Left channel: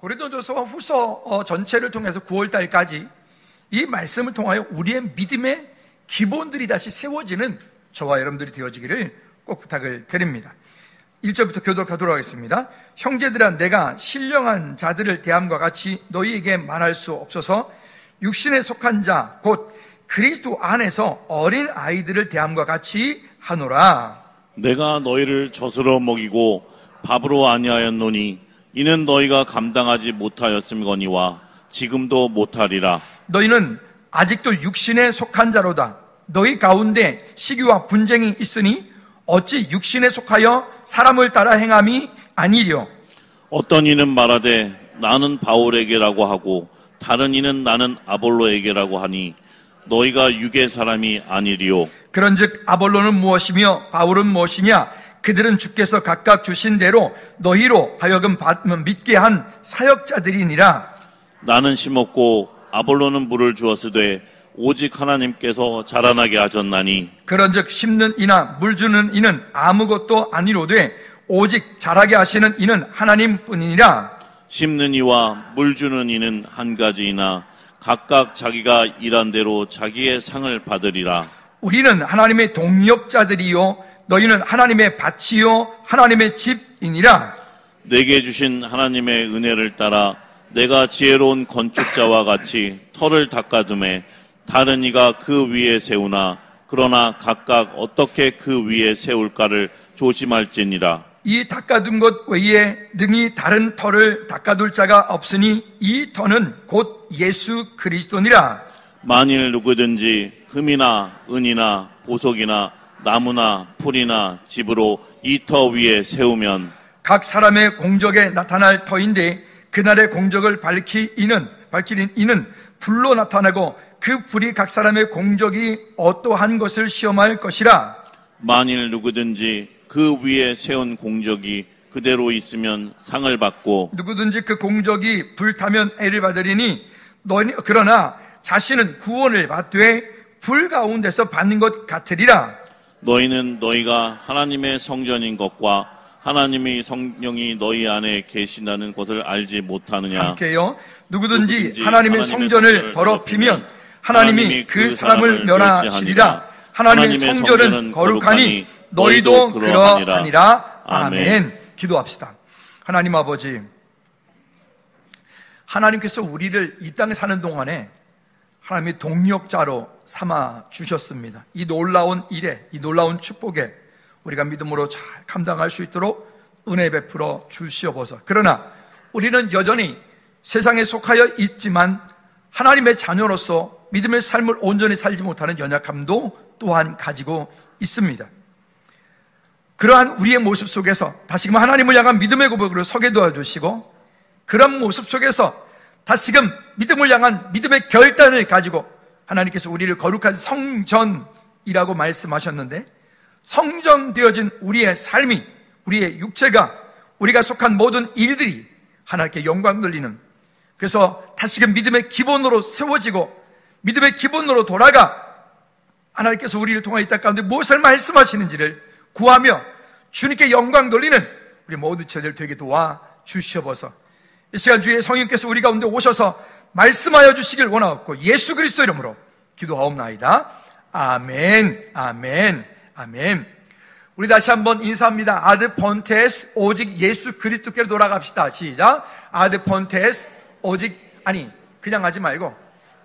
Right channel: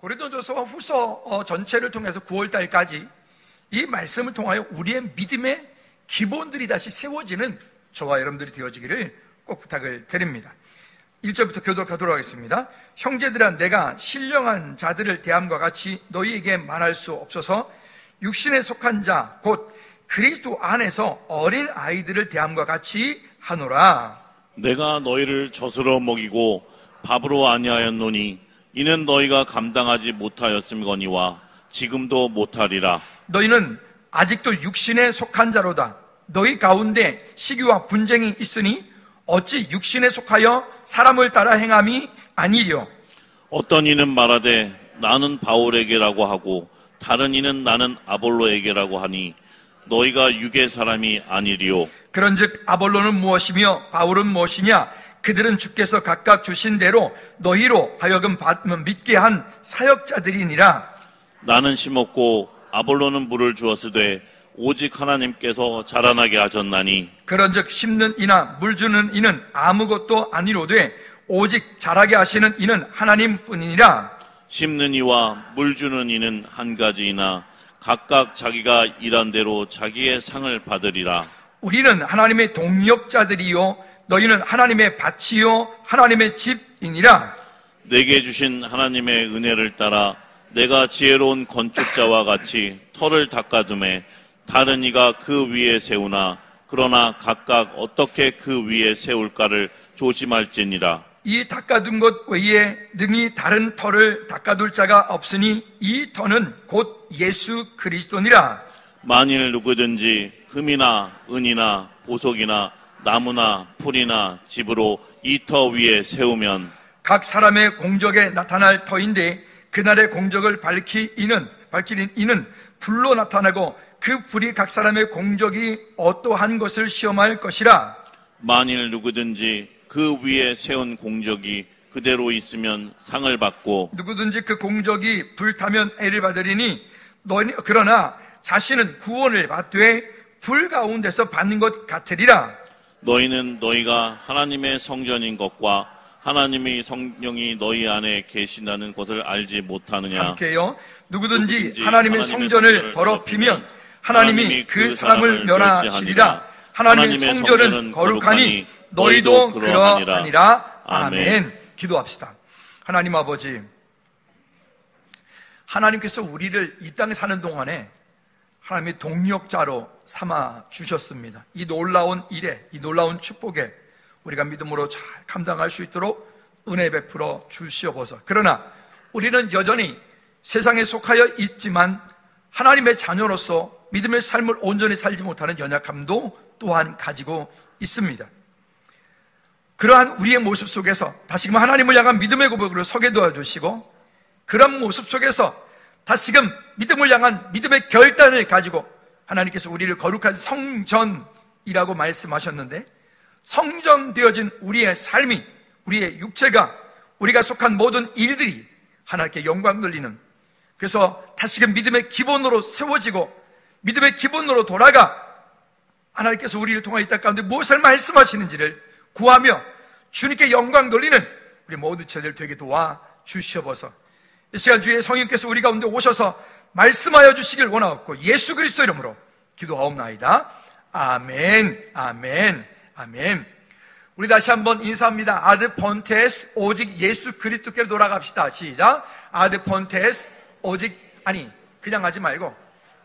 고린도전서 후서 전체를 통해서 9월달까지 이 말씀을 통하여 우리의 믿음의 기본들이 다시 세워지는 저와 여러분들이 되어지기를 꼭 부탁을 드립니다. 1절부터 교독하도록 하겠습니다. 형제들아, 내가 신령한 자들을 대함과 같이 너희에게 말할 수 없어서 육신에 속한 자 곧 그리스도 안에서 어린 아이들을 대함과 같이 하노라. 내가 너희를 젖으로 먹이고 밥으로 아니하였노니 이는 너희가 감당하지 못하였음거니와 지금도 못하리라. 너희는 아직도 육신에 속한 자로다. 너희 가운데 시기와 분쟁이 있으니 어찌 육신에 속하여 사람을 따라 행함이 아니랴. 어떤 이는 말하되 나는 바울에게라고 하고 다른 이는 나는 아볼로에게라고 하니 너희가 육의 사람이 아니리요. 그런즉 아볼로는 무엇이며 바울은 무엇이냐? 그들은 주께서 각각 주신 대로 너희로 하여금 믿게 한 사역자들이니라. 나는 심었고 아볼로는 물을 주었으되 오직 하나님께서 자라나게 하셨나니 그런즉 심는 이나 물 주는 이는 아무것도 아니로되 오직 자라게 하시는 이는 하나님뿐이니라. 심는 이와 물 주는 이는 한 가지이나 각각 자기가 일한 대로 자기의 상을 받으리라. 우리는 하나님의 동역자들이요 너희는 하나님의 밭이요 하나님의 집이니라. 내게 주신 하나님의 은혜를 따라 내가 지혜로운 건축자와 같이 터를 닦아두매 다른 이가 그 위에 세우나 그러나 각각 어떻게 그 위에 세울까를 조심할지니라. 이 닦아둔 것 외에 능히 다른 터를 닦아둘 자가 없으니 이 터는 곧 예수 그리스도니라. 만일 누구든지 금이나 은이나 보석이나 나무나 풀이나 집으로 이 터 위에 세우면 각 사람의 공적에 나타날 터인데 그날의 공적을 밝히는 이는 불로 나타나고 그 불이 각 사람의 공적이 어떠한 것을 시험할 것이라. 만일 누구든지 그 위에 세운 공적이 그대로 있으면 상을 받고 누구든지 그 공적이 불타면 애를 받으리니 그러나 자신은 구원을 받되 불 가운데서 받는 것 같으리라. 너희는 너희가 하나님의 성전인 것과 하나님의 성령이 너희 안에 계신다는 것을 알지 못하느냐. 함께요. 누구든지 하나님의 성전을 더럽히면 하나님이 그 사람을 멸하시리라. 하나님의 성전은 거룩하니 너희도 그러하니라. 아멘. 기도합시다. 하나님 아버지, 하나님께서 우리를 이 땅에 사는 동안에 하나님의 동역자로 삼아 주셨습니다. 이 놀라운 일에, 이 놀라운 축복에 우리가 믿음으로 잘 감당할 수 있도록 은혜 베풀어 주시옵소서. 그러나 우리는 여전히 세상에 속하여 있지만 하나님의 자녀로서 믿음의 삶을 온전히 살지 못하는 연약함도 또한 가지고 있습니다. 그러한 우리의 모습 속에서 다시금 하나님을 향한 믿음의 고백으로 서게 도와주시고, 그런 모습 속에서 다시금 믿음을 향한 믿음의 결단을 가지고 하나님께서 우리를 거룩한 성전이라고 말씀하셨는데, 성전되어진 우리의 삶이, 우리의 육체가, 우리가 속한 모든 일들이 하나님께 영광 돌리는, 그래서 다시금 믿음의 기본으로 세워지고 믿음의 기본으로 돌아가 하나님께서 우리를 통하여 이 땅 가운데 무엇을 말씀하시는지를 구하며 주님께 영광 돌리는 우리 모든 저희들 되게 도와 주시옵소서. 이 시간 주의 성령께서 우리 가운데 오셔서 말씀하여 주시길 원하옵고 예수 그리스도 이름으로 기도하옵나이다. 아멘, 아멘, 아멘. 우리 다시 한번 인사합니다. 아드 폰테스, 오직 예수 그리스도께로 돌아갑시다. 시작. 아드 폰테스, 오직, 아니 그냥 하지 말고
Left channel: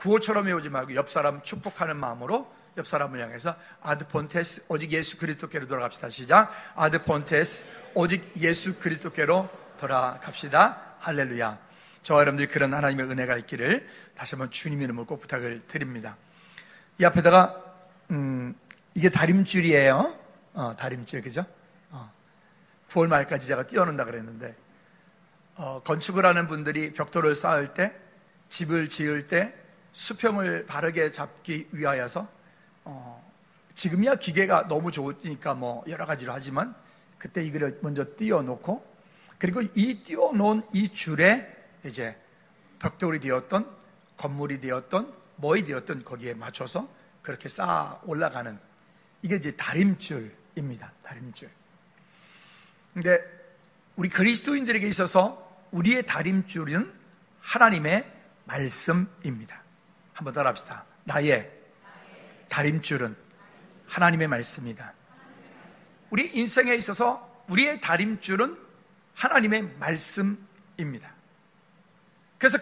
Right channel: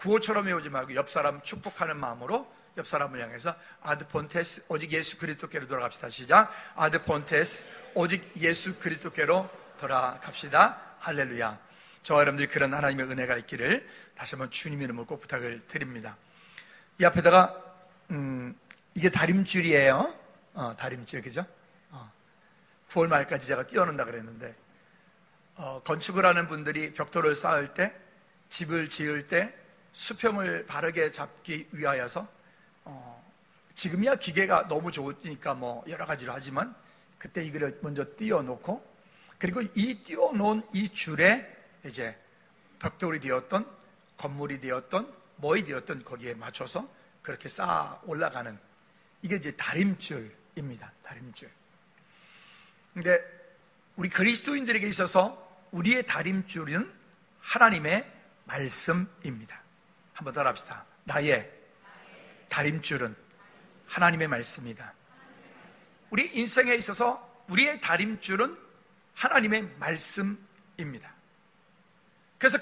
구호처럼 외우지 말고 옆 사람 축복하는 마음으로 옆 사람을 향해서 아드 폰테스, 오직 예수 그리스도께로 돌아갑시다. 시작. 아드 폰테스, 오직 예수 그리스도께로 돌아갑시다. 할렐루야. 저와 여러분들이 그런 하나님의 은혜가 있기를 다시 한번 주님의 이름으로 꼭 부탁을 드립니다. 이 앞에다가 이게 다림줄이에요. 다림줄, 그죠? 9월 말까지 제가 띄워놓는다 그랬는데, 건축을 하는 분들이 벽돌을 쌓을 때, 집을 지을 때 수평을 바르게 잡기 위하여서 지금이야 기계가 너무 좋으니까 뭐 여러 가지로 하지만 그때 이거를 먼저 띄워놓고, 그리고 이 띄워놓은 이 줄에 이제 벽돌이 되었던 건물이 되었던 뭐이 되었던 거기에 맞춰서 그렇게 쌓아 올라가는, 이게 이제 다림줄입니다. 다림줄. 근데 우리 그리스도인들에게 있어서 우리의 다림줄은 하나님의 말씀입니다. 한번 따라합시다. 나의 다림줄은 하나님의 말씀이다. 우리 인생에 있어서 우리의 다림줄은 하나님의 말씀입니다. 그래서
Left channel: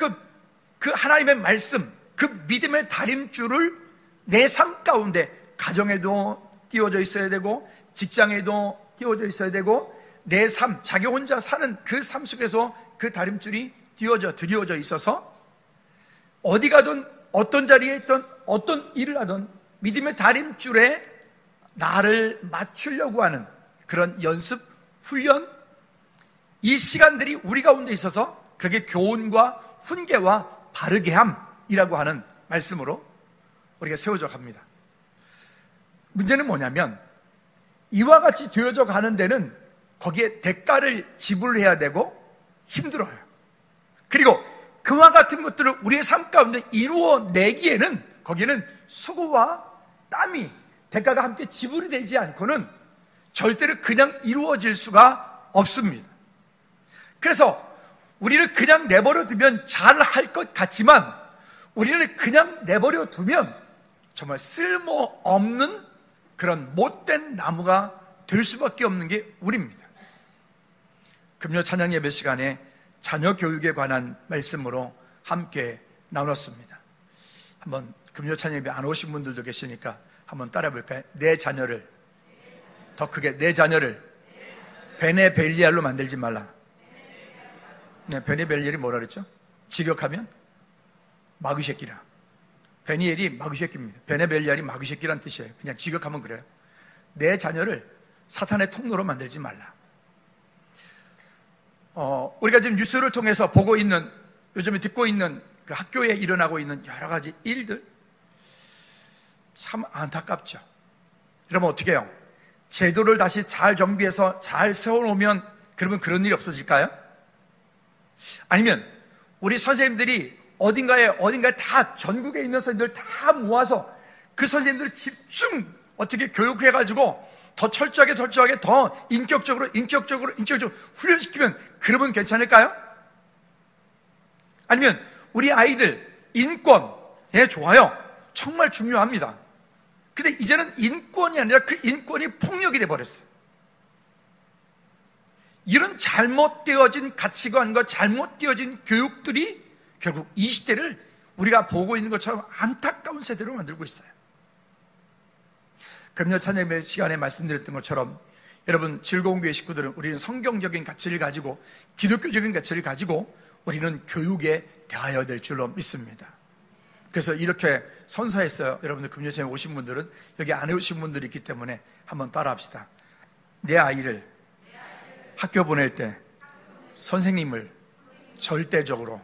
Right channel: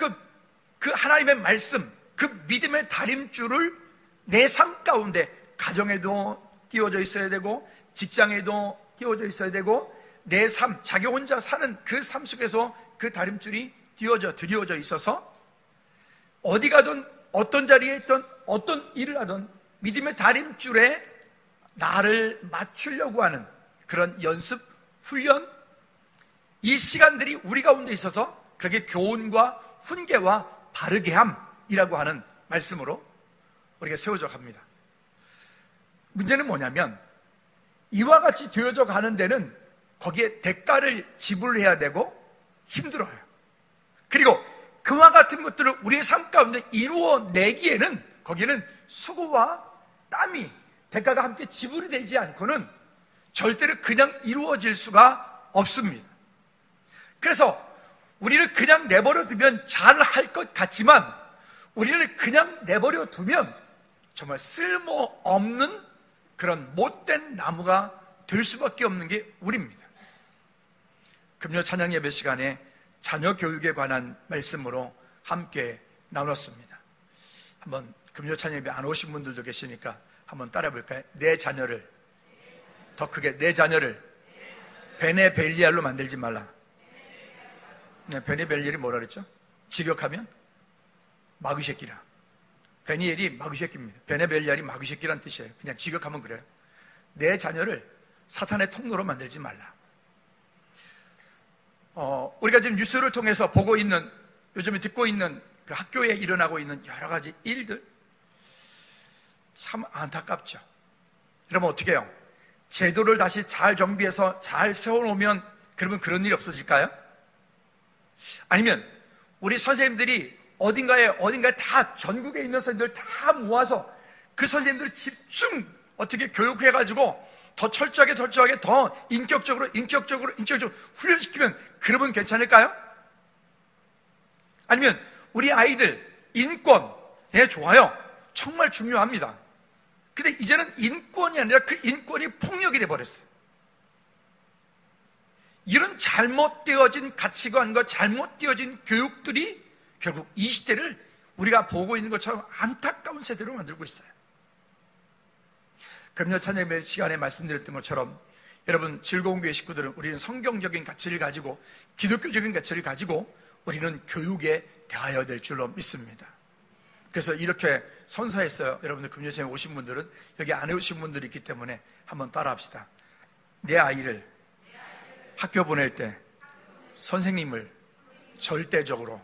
그 하나님의 말씀, 그 믿음의 다림줄을 내 삶 가운데 가정에도 띄워져 있어야 되고, 직장에도 띄워져 있어야 되고, 내 삶, 자기 혼자 사는 그 삶 속에서 그 다림줄이 드리워져 있어서 어디 가든 어떤 자리에 있든 어떤 일을 하든 믿음의 다림줄에 나를 맞추려고 하는 그런 연습, 훈련, 이 시간들이 우리 가운데 있어서 그게 교훈과 훈계와 바르게함이라고 하는 말씀으로 우리가 세워져 갑니다. 문제는 뭐냐면 이와 같이 되어져 가는 데는 거기에 대가를 지불해야 되고 힘들어요. 그리고 그와 같은 것들을 우리의 삶 가운데 이루어내기에는 거기에는 수고와 땀이 대가가 함께 지불이 되지 않고는 절대로 그냥 이루어질 수가 없습니다. 그래서 우리를 그냥 내버려 두면 잘할 것 같지만 우리를 그냥 내버려 두면 정말 쓸모없는 그런 못된 나무가 될 수밖에 없는 게 우리입니다. 금요 찬양 예배 시간에 자녀 교육에 관한 말씀으로 함께 나눴습니다. 한번 금요 찬양 예배 안 오신 분들도 계시니까 한번 따라 볼까요? 내 자녀를, 더 크게 내 자녀를 베네벨리알로 만들지 말라. 네, 베네벨리알이 뭐라 그랬죠? 직역하면 마귀새끼라. 베니엘이 마귀새끼입니다. 베네벨리알이 마귀새끼란 뜻이에요. 그냥 직역하면 그래요. 내 자녀를 사탄의 통로로 만들지 말라. 우리가 지금 뉴스를 통해서 보고 있는, 요즘에 듣고 있는 그 학교에 일어나고 있는 여러 가지 일들 참 안타깝죠. 그러면 어떻게 해요? 제도를 다시 잘 정비해서 잘 세워놓으면 그러면 그런 일이 없어질까요? 아니면 우리 선생님들이 어딘가에 다 전국에 있는 선생님들 다 모아서 그 선생님들을 집중 어떻게 교육해가지고 더 철저하게 더 인격적으로 훈련시키면 그러면 괜찮을까요? 아니면 우리 아이들 인권, 예, 좋아요. 정말 중요합니다. 근데 이제는 인권이 아니라 그 인권이 폭력이 돼버렸어요. 이런 잘못되어진 가치관과 잘못되어진 교육들이 결국 이 시대를 우리가 보고 있는 것처럼 안타까운 세대로 만들고 있어요. 금요 찬양 예배 시간에 말씀드렸던 것처럼 여러분 즐거운 교회 식구들은 우리는 성경적인 가치를 가지고 기독교적인 가치를 가지고 우리는 교육에 대하여야 될 줄로 믿습니다. 그래서 이렇게 선서했어요. 여러분들 금요 찬양 오신 분들은 여기 안 오신 분들이 있기 때문에 한번 따라합시다. 내 아이를 학교 보낼 때 선생님을 절대적으로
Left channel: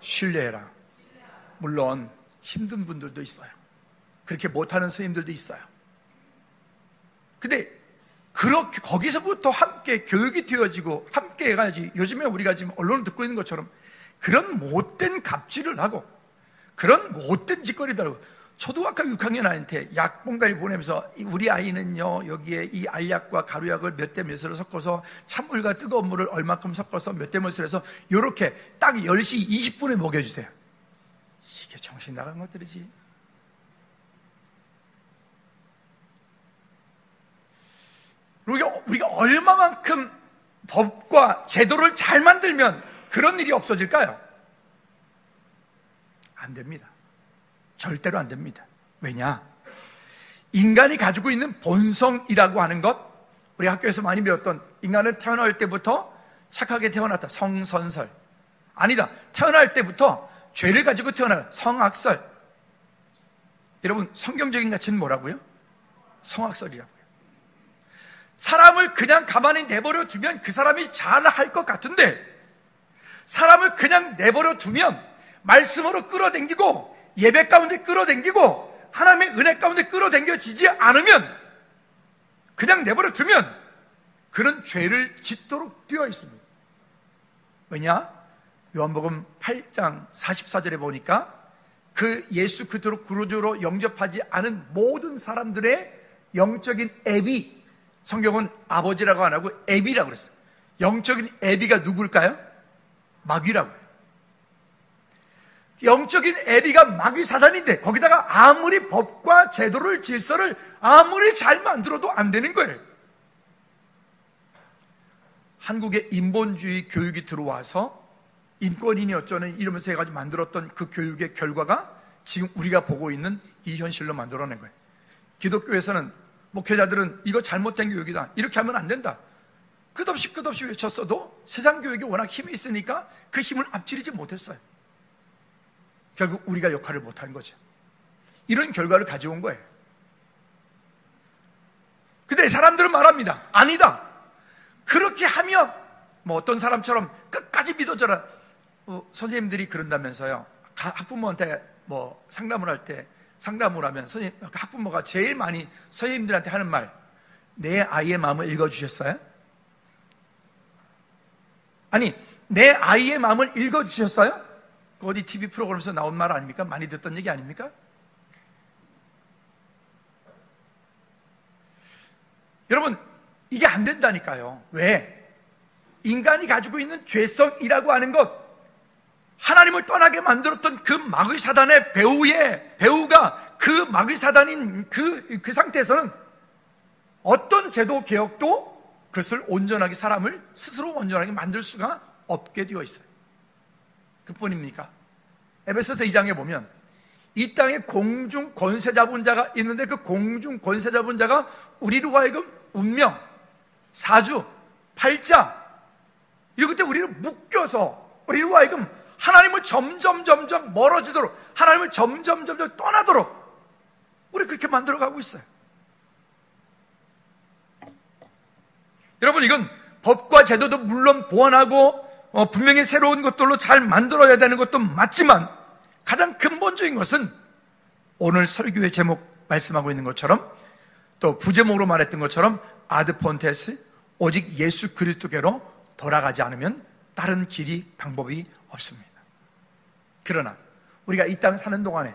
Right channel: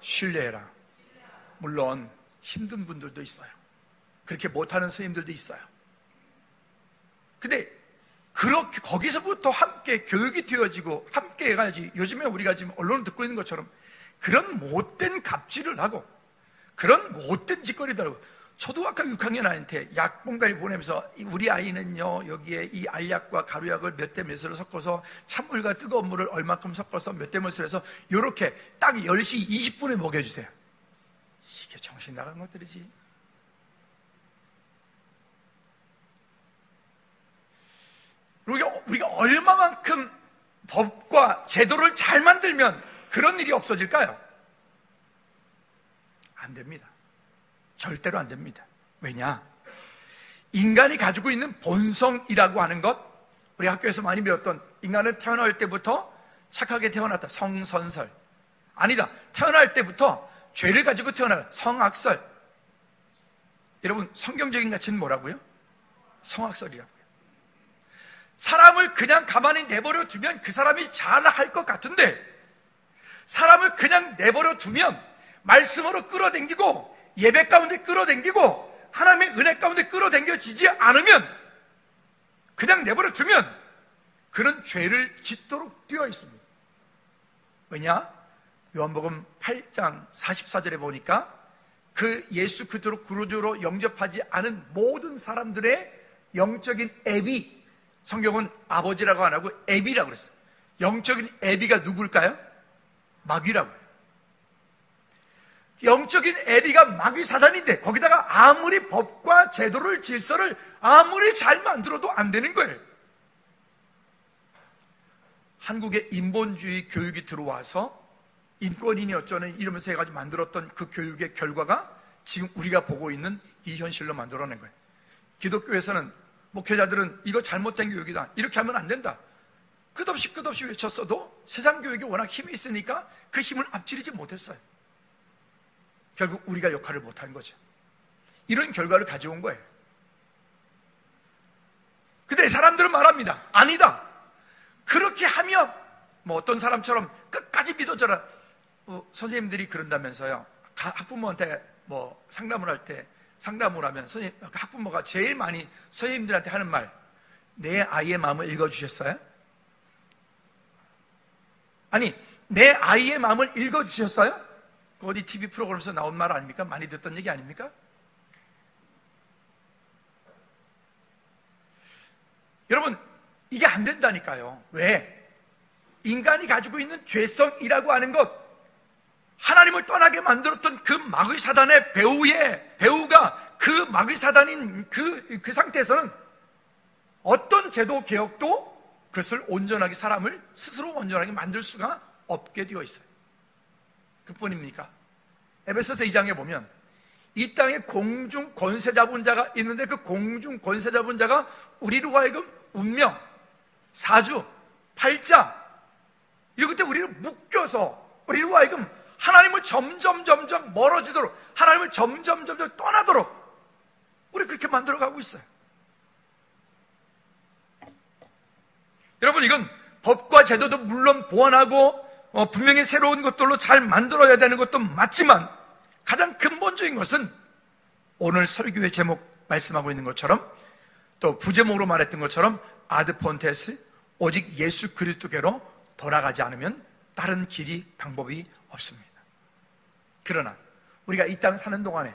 신뢰해라. 물론 힘든 분들도 있어요. 그렇게 못하는 선생님들도 있어요. 근데 그렇게 거기서부터 함께 교육이 되어지고 함께 해가지고 요즘에 우리가 지금 언론을 듣고 있는 것처럼 그런 못된 갑질을 하고 그런 못된 짓거리들 하고 초등학교 6학년 아이한테 약봉가를 보내면서 우리 아이는요 여기에 이 알약과 가루약을 몇 대 몇으로 섞어서 찬물과 뜨거운 물을 얼마큼 섞어서 몇 대 몇을 해서 이렇게 딱 10시 20분에 먹여주세요. 이게 정신 나간 것들이지. 우리가 얼마만큼 법과 제도를 잘 만들면 그런 일이 없어질까요? 안 됩니다. 절대로 안 됩니다. 왜냐? 인간이 가지고 있는 본성이라고 하는 것, 우리 학교에서 많이 배웠던 인간은 태어날 때부터 착하게 태어났다. 성선설. 아니다. 태어날 때부터 죄를 가지고 태어났다. 성악설. 여러분 성경적인 가치는 뭐라고요? 성악설이라고요. 사람을 그냥 가만히 내버려 두면 그 사람이 잘할 것 같은데 사람을 그냥 내버려 두면 말씀으로 끌어당기고 예배 가운데 끌어당기고 하나님의 은혜 가운데 끌어당겨지지 않으면 그냥 내버려 두면 그런 죄를 짓도록 되어 있습니다. 왜냐? 요한복음 8장 44절에 보니까 그 예수 그리스도로 구주로 영접하지 않은 모든 사람들의 영적인 애비, 성경은 아버지라고 안 하고 애비라고 그랬어요. 영적인 애비가 누굴까요? 마귀라고 해요. 영적인 에리가 마귀 사단인데 거기다가 아무리 법과 제도를 질서를 아무리 잘 만들어도 안 되는 거예요. 한국에 인본주의 교육이 들어와서 인권이니 어쩌니 이러면서 해가지고 만들었던 그 교육의 결과가 지금 우리가 보고 있는 이 현실로 만들어낸 거예요. 기독교에서는 목회자들은 이거 잘못된 교육이다, 이렇게 하면 안 된다, 끝없이 외쳤어도 세상 교육이 워낙 힘이 있으니까 그 힘을 앞지르지 못했어요. 결국 우리가 역할을 못한 거죠. 이런 결과를 가져온 거예요. 근데 사람들은 말합니다. 아니다, 그렇게 하면 뭐 어떤 사람처럼 끝까지 믿어져라. 선생님들이 그런다면서요. 학부모한테 뭐 상담을 하면 학부모가 제일 많이 선생님들한테 하는 말, 내 아이의 마음을 읽어주셨어요? 아니, 내 아이의 마음을 읽어주셨어요? 어디 TV 프로그램에서 나온 말 아닙니까? 많이 듣던 얘기 아닙니까? 여러분, 이게 안 된다니까요. 왜? 인간이 가지고 있는 죄성이라고 하는 것, 하나님을 떠나게 만들었던 그 마귀 사단의 배우가 그 마귀 사단인 그 상태에서는 어떤 제도 개혁도 그것을 온전하게, 사람을 스스로 온전하게 만들 수가 없게 되어 있어요. 그뿐입니까? 에베소서 2장에 보면 이 땅에 공중 권세 잡은 자가 있는데 그 공중 권세 잡은 자가 우리로 하여금 운명, 사주, 팔자, 이것 때 우리를 묶여서 우리로 하여금 하나님을 점점 멀어지도록, 하나님을 점점 떠나도록 우리 그렇게 만들어가고 있어요. 여러분, 이건 법과 제도도 물론 보완하고 분명히 새로운 것들로 잘 만들어야 되는 것도 맞지만 가장 근본적인 것은 오늘 설교의 제목 말씀하고 있는 것처럼, 또 부제목으로 말했던 것처럼 아드폰테스, 오직 예수 그리스도께로 돌아가지 않으면 다른 길이, 방법이 없습니다. 그러나 우리가 이 땅 사는 동안에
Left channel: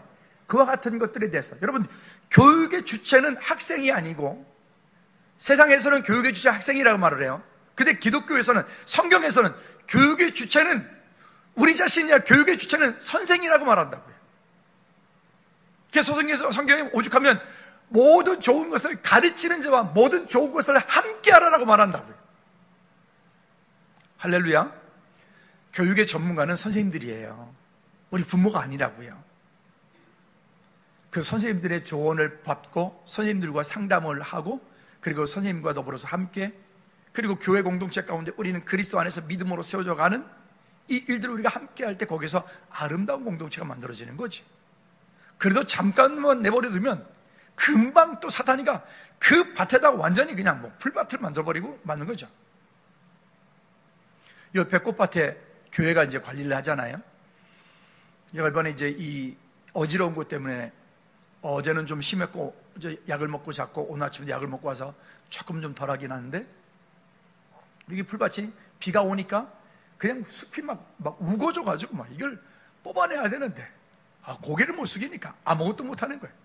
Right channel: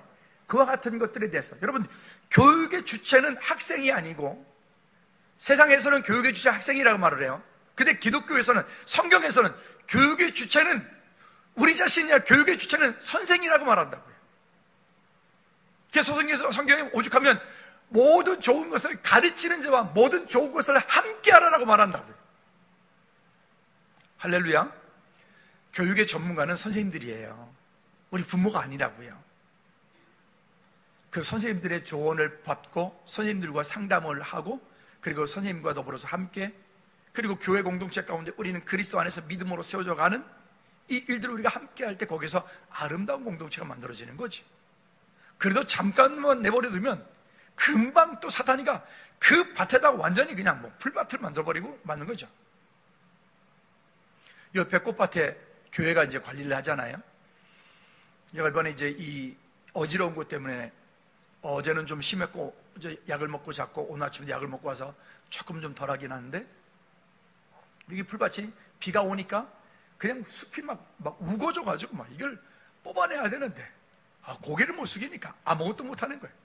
그와 같은 것들에 대해서, 여러분, 교육의 주체는 학생이 아니고, 세상에서는 교육의 주체 학생이라고 말을 해요. 근데 기독교에서는, 성경에서는 교육의 주체는 우리 자신이야, 교육의 주체는 선생이라고 말한다고요. 그래서 성경에 오죽하면 모든 좋은 것을 가르치는 자와 모든 좋은 것을 함께 하라라고 말한다고요. 할렐루야. 교육의 전문가는 선생님들이에요. 우리 부모가 아니라고요. 그 선생님들의 조언을 받고 선생님들과 상담을 하고, 그리고 선생님과 더불어서 함께, 그리고 교회 공동체 가운데 우리는 그리스도 안에서 믿음으로 세워져 가는 이 일들을 우리가 함께 할 때 거기서 아름다운 공동체가 만들어지는 거지. 그래도 잠깐만 내버려 두면 금방 또 사탄이가 그 밭에다 완전히 그냥 뭐 풀밭을 만들어버리고 맞는 거죠. 옆에 꽃밭에 교회가 이제 관리를 하잖아요. 이번에 이제 이 어지러운 것 때문에 어제는 좀 심했고 어제 약을 먹고 잤고 오늘 아침에 약을 먹고 와서 조금 좀 덜하긴 하는데, 이게 풀밭이 비가 오니까 그냥 숲이 막 우거져가지고 막 이걸 뽑아내야 되는데 고개를 못 숙이니까 아무것도 못하는 거예요.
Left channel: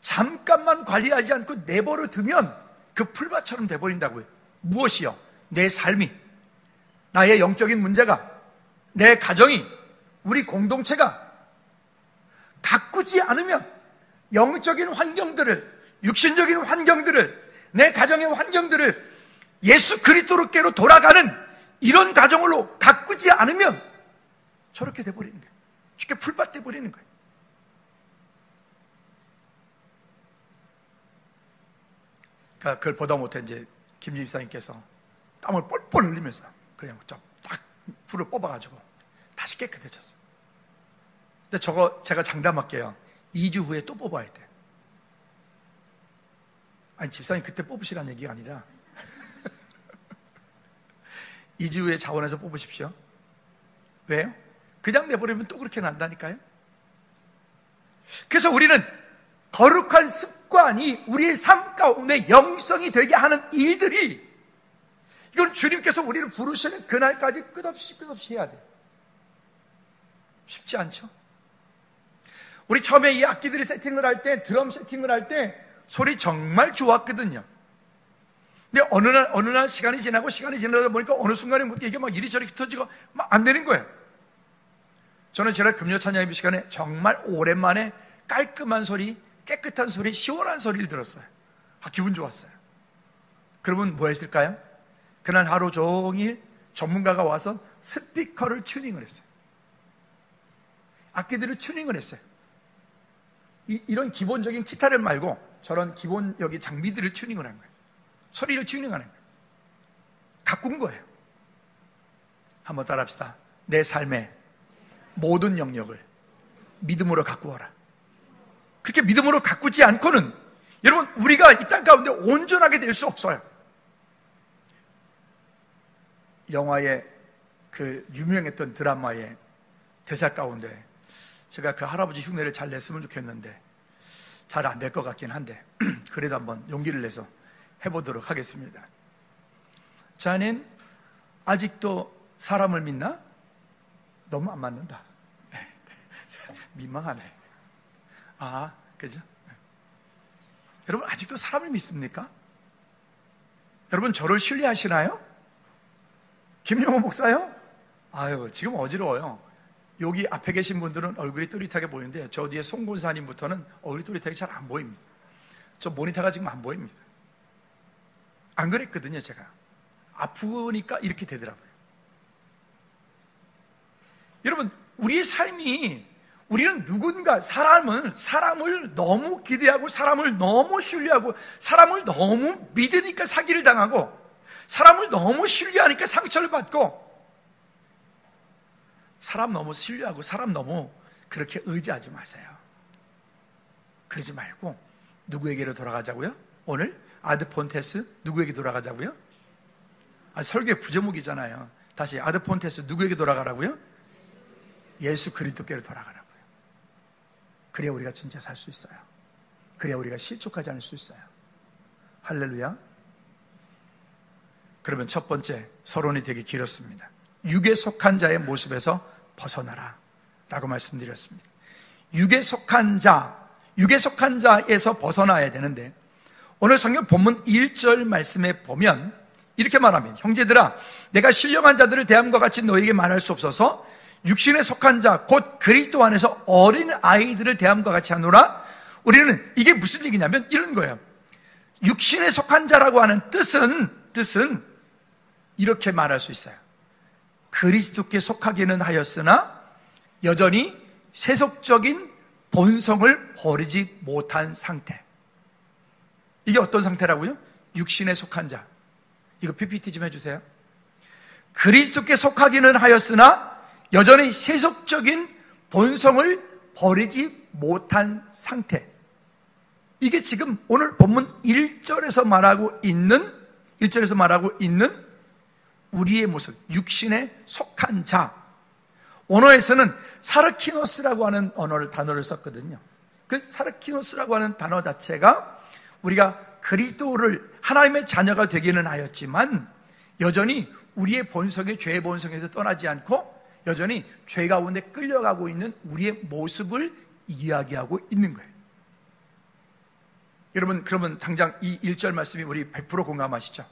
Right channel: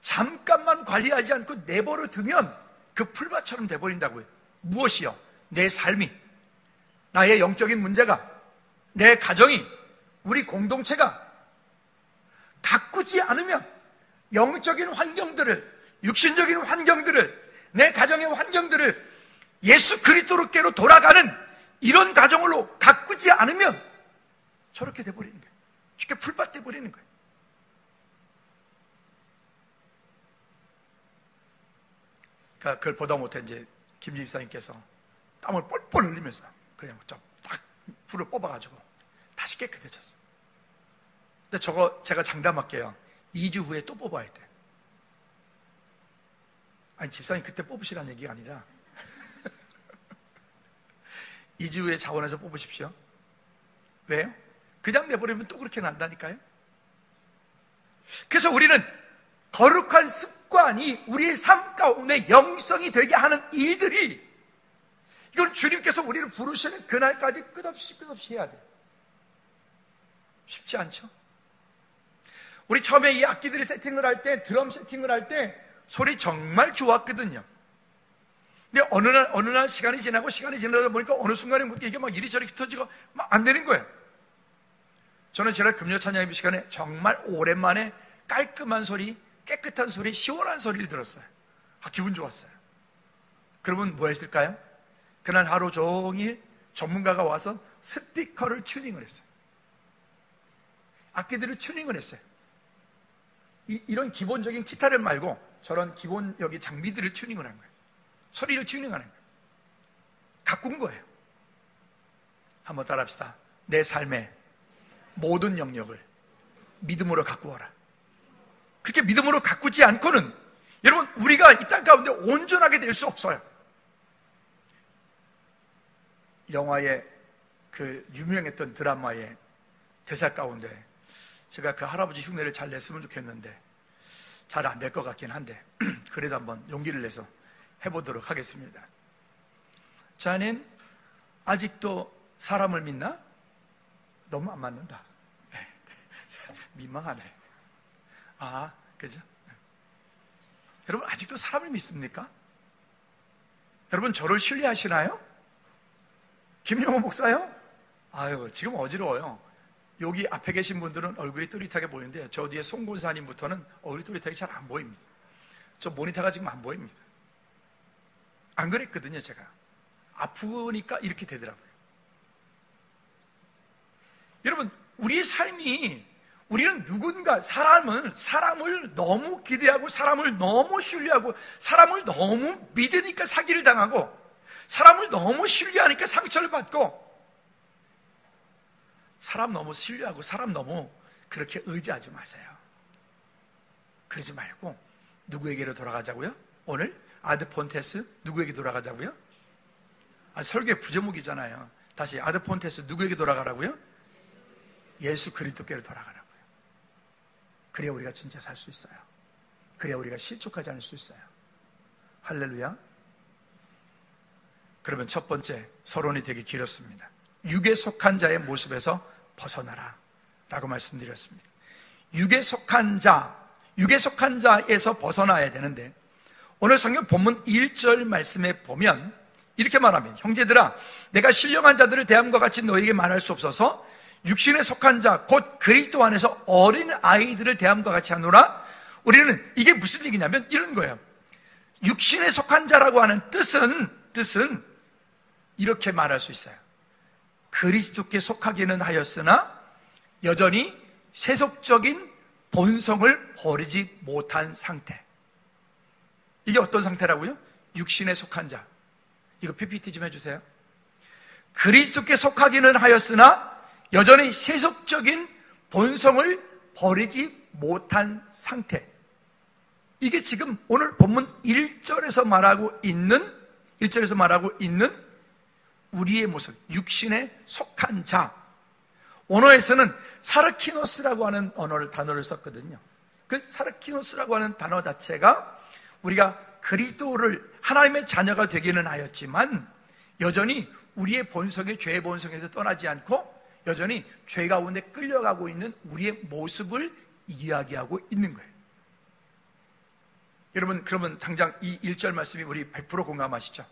잠깐만 관리하지 않고 내버려 두면 그 풀밭처럼 돼버린다고요. 무엇이요? 내 삶이, 나의 영적인 문제가, 내 가정이, 우리 공동체가 가꾸지 않으면 영적인 환경들을, 육신적인 환경들을, 내 가정의 환경들을 예수 그리스도께로 돌아가는 이런 가정으로 가꾸지 않으면 저렇게 돼버리는 거예요. 쉽게 풀밭 돼버리는 거예요. 그걸 보다 못해 이제 김 집사님께서 땀을 뻘뻘 흘리면서 그냥 딱 불을 뽑아가지고 다시 깨끗해졌어. 근데 저거 제가 장담할게요. 2주 후에 또 뽑아야 돼. 아니, 집사님 그때 뽑으시라는 얘기가 아니라 2주 후에 자원해서 뽑으십시오. 왜요? 그냥 내버리면 또 그렇게 난다니까요. 그래서 우리는 거룩한 습관이 우리의 삶 가운데 영성이 되게 하는 일들이, 이건 주님께서 우리를 부르시는 그날까지 끝없이 해야 돼요. 쉽지 않죠? 우리 처음에 이 악기들을 세팅을 할 때, 드럼 세팅을 할 때 소리 정말 좋았거든요. 근데 어느 날 시간이 지나다 보니까 어느 순간에 이게 막 이리저리 흩어지고 막 안 되는 거예요. 저는 지난 금요 찬양 예배 시간에 정말 오랜만에 깔끔한 소리, 깨끗한 소리, 시원한 소리를 들었어요. 기분 좋았어요. 그러면 뭐 했을까요? 그날 하루 종일 전문가가 와서 스피커를 튜닝을 했어요. 악기들을 튜닝을 했어요. 이런 기본적인 기타를 말고 저런 기본 여기 장비들을 튜닝을 한 거예요. 소리를 튜닝하는 거예요. 가꾼 거예요. 한번 따라합시다. 내 삶의 모든 영역을 믿음으로 가꾸어라. 그렇게 믿음으로 가꾸지 않고는 여러분 우리가 이 땅 가운데 온전하게 될 수 없어요. 영화의 그 유명했던 드라마의 대사 가운데 제가 그 할아버지 흉내를 잘 냈으면 좋겠는데 잘 안 될 것 같긴 한데 그래도 한번 용기를 내서 해보도록 하겠습니다. 자넨 아직도 사람을 믿나? 너무 안 맞는다. 민망하네. 그죠? 여러분 아직도 사람을 믿습니까? 여러분 저를 신뢰하시나요? 김용호 목사요? 지금 어지러워요. 여기 앞에 계신 분들은 얼굴이 또릿하게 보이는데 저 뒤에 송 권사님부터는 얼굴이 또릿하게 잘 안 보입니다. 저 모니터가 지금 안 보입니다. 안 그랬거든요. 제가 아프니까 이렇게 되더라고요. 여러분 우리의 삶이 우리는 누군가 사람을 너무 기대하고 사람을 너무 신뢰하고 사람을 너무 믿으니까 사기를 당하고 사람을 너무 신뢰하니까 상처를 받고 사람 너무 신뢰하고 사람 너무 그렇게 의지하지 마세요. 그러지 말고 누구에게로 돌아가자고요? 오늘 아드폰테스 누구에게 돌아가자고요? 설교의 부제목이잖아요. 다시 아드폰테스 누구에게 돌아가라고요? 예수 그리스도께로 돌아가라고요. 그래야 우리가 진짜 살 수 있어요. 그래야 우리가 실족하지 않을 수 있어요. 할렐루야. 그러면 첫 번째 서론이 되게 길었습니다. 육에 속한 자의 모습에서 벗어나라 라고 말씀드렸습니다. 육에 속한 자에서 벗어나야 되는데 오늘 성경 본문 1절 말씀에 보면 이렇게 말하면 형제들아 내가 신령한 자들을 대함과 같이 너에게 말할 수 없어서 육신에 속한 자 곧 그리스도 안에서 어린 아이들을 대함과 같이 하노라. 우리는 이게 무슨 얘기냐면 이런 거예요. 육신에 속한 자라고 하는 뜻은 이렇게 말할 수 있어요. 그리스도께 속하기는 하였으나 여전히 세속적인 본성을 버리지 못한 상태. 이게 어떤 상태라고요? 육신에 속한 자. 이거 PPT 좀 해주세요. 그리스도께 속하기는 하였으나 여전히 세속적인 본성을 버리지 못한 상태. 이게 지금 오늘 본문 1절에서 말하고 있는 우리의 모습, 육신에 속한 자. 언어에서는 사르키노스라고 하는 단어를 썼거든요. 그 사르키노스라고 하는 단어 자체가 우리가 그리스도를 하나님의 자녀가 되기는 하였지만 여전히 우리의 본성이 죄의 본성에서 떠나지 않고 여전히 죄 가운데 끌려가고 있는 우리의 모습을 이야기하고 있는 거예요. 여러분 그러면 당장 이 1절 말씀이 우리 100% 공감하시죠?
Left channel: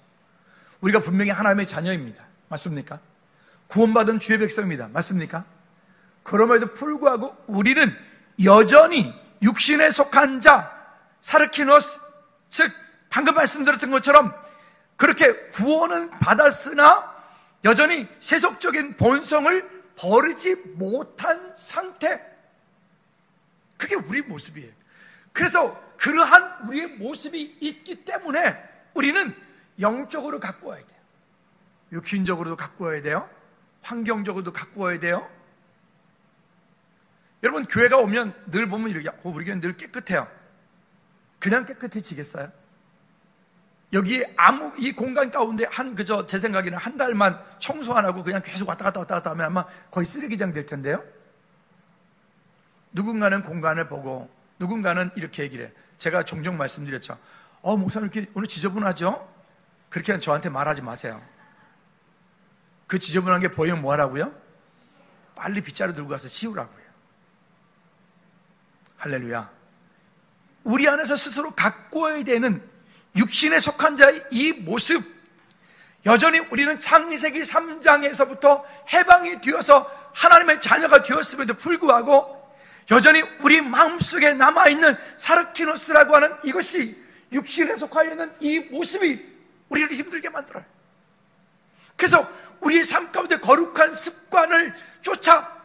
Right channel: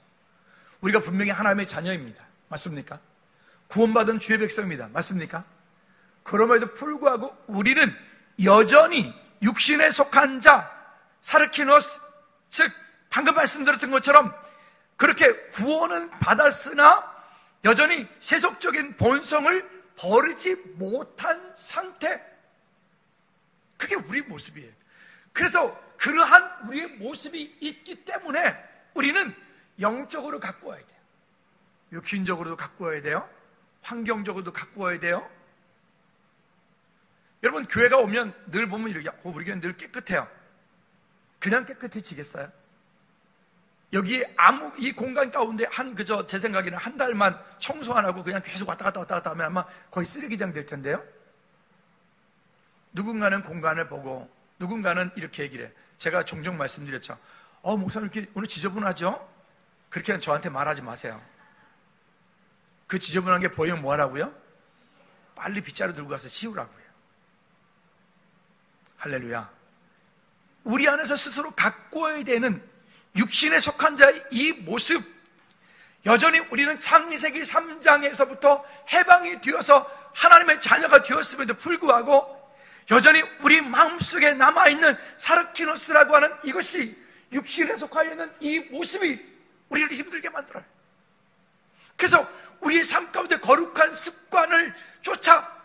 우리가 분명히 하나님의 자녀입니다. 맞습니까? 구원받은 주의 백성입니다. 맞습니까? 그럼에도 불구하고 우리는 여전히 육신에 속한 자, 사르키노스, 즉 방금 말씀드렸던 것처럼 그렇게 구원은 받았으나 여전히 세속적인 본성을 버리지 못한 상태. 그게 우리 모습이에요. 그래서 그러한 우리의 모습이 있기 때문에 우리는 영적으로 가꾸어야 돼요. 육신적으로도 가꾸어야 돼요. 환경적으로도 가꾸어야 돼요. 여러분 교회가 오면 늘 보면 이렇게 우리 교회는 늘 깨끗해요. 그냥 깨끗해지겠어요? 여기 이 공간 가운데 제 생각에는 한 달만 청소 안 하고 그냥 계속 왔다 갔다 하면 아마 거의 쓰레기장 될 텐데요. 누군가는 공간을 보고 누군가는 이렇게 얘기를 해요. 제가 종종 말씀드렸죠. 목사님 이렇게 오늘 지저분하죠? 그렇게 저한테 말하지 마세요. 그 지저분한 게 보이면 뭐 하라고요? 빨리 빗자루 들고 가서 치우라고요. 할렐루야. 우리 안에서 스스로 가꾸어야 되는 육신에 속한 자의 이 모습, 여전히 우리는 창세기 3장에서부터 해방이 되어서 하나님의 자녀가 되었음에도 불구하고 여전히 우리 마음속에 남아있는 사르키노스라고 하는 이것이 육신에 속하여 있는 이 모습이 우리를 힘들게 만들어요. 그래서 우리의 삶 가운데 거룩한 습관을 쫓아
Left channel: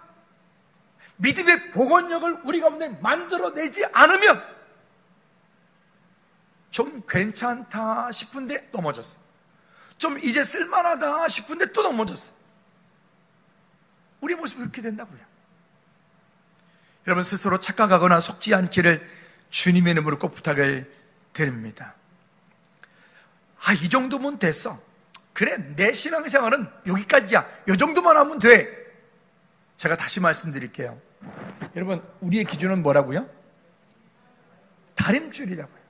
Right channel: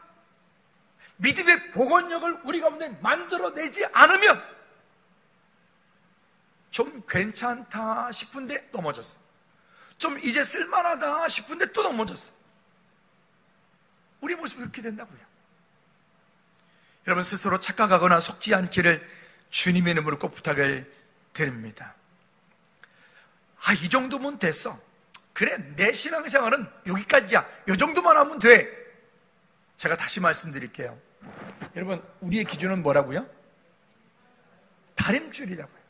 믿음의 복원력을 우리 가운데 만들어내지 않으면 좀 괜찮다 싶은데 넘어졌어. 좀 이제 쓸만하다 싶은데 또 넘어졌어. 우리 모습이 그렇게 된다고요. 여러분 스스로 착각하거나 속지 않기를 주님의 이름으로 꼭 부탁을 드립니다. 이 정도면 됐어. 그래, 내 신앙생활은 여기까지야. 이 정도만 하면 돼. 제가 다시 말씀드릴게요. 여러분, 우리의 기준은 뭐라고요? 다림줄이라고요.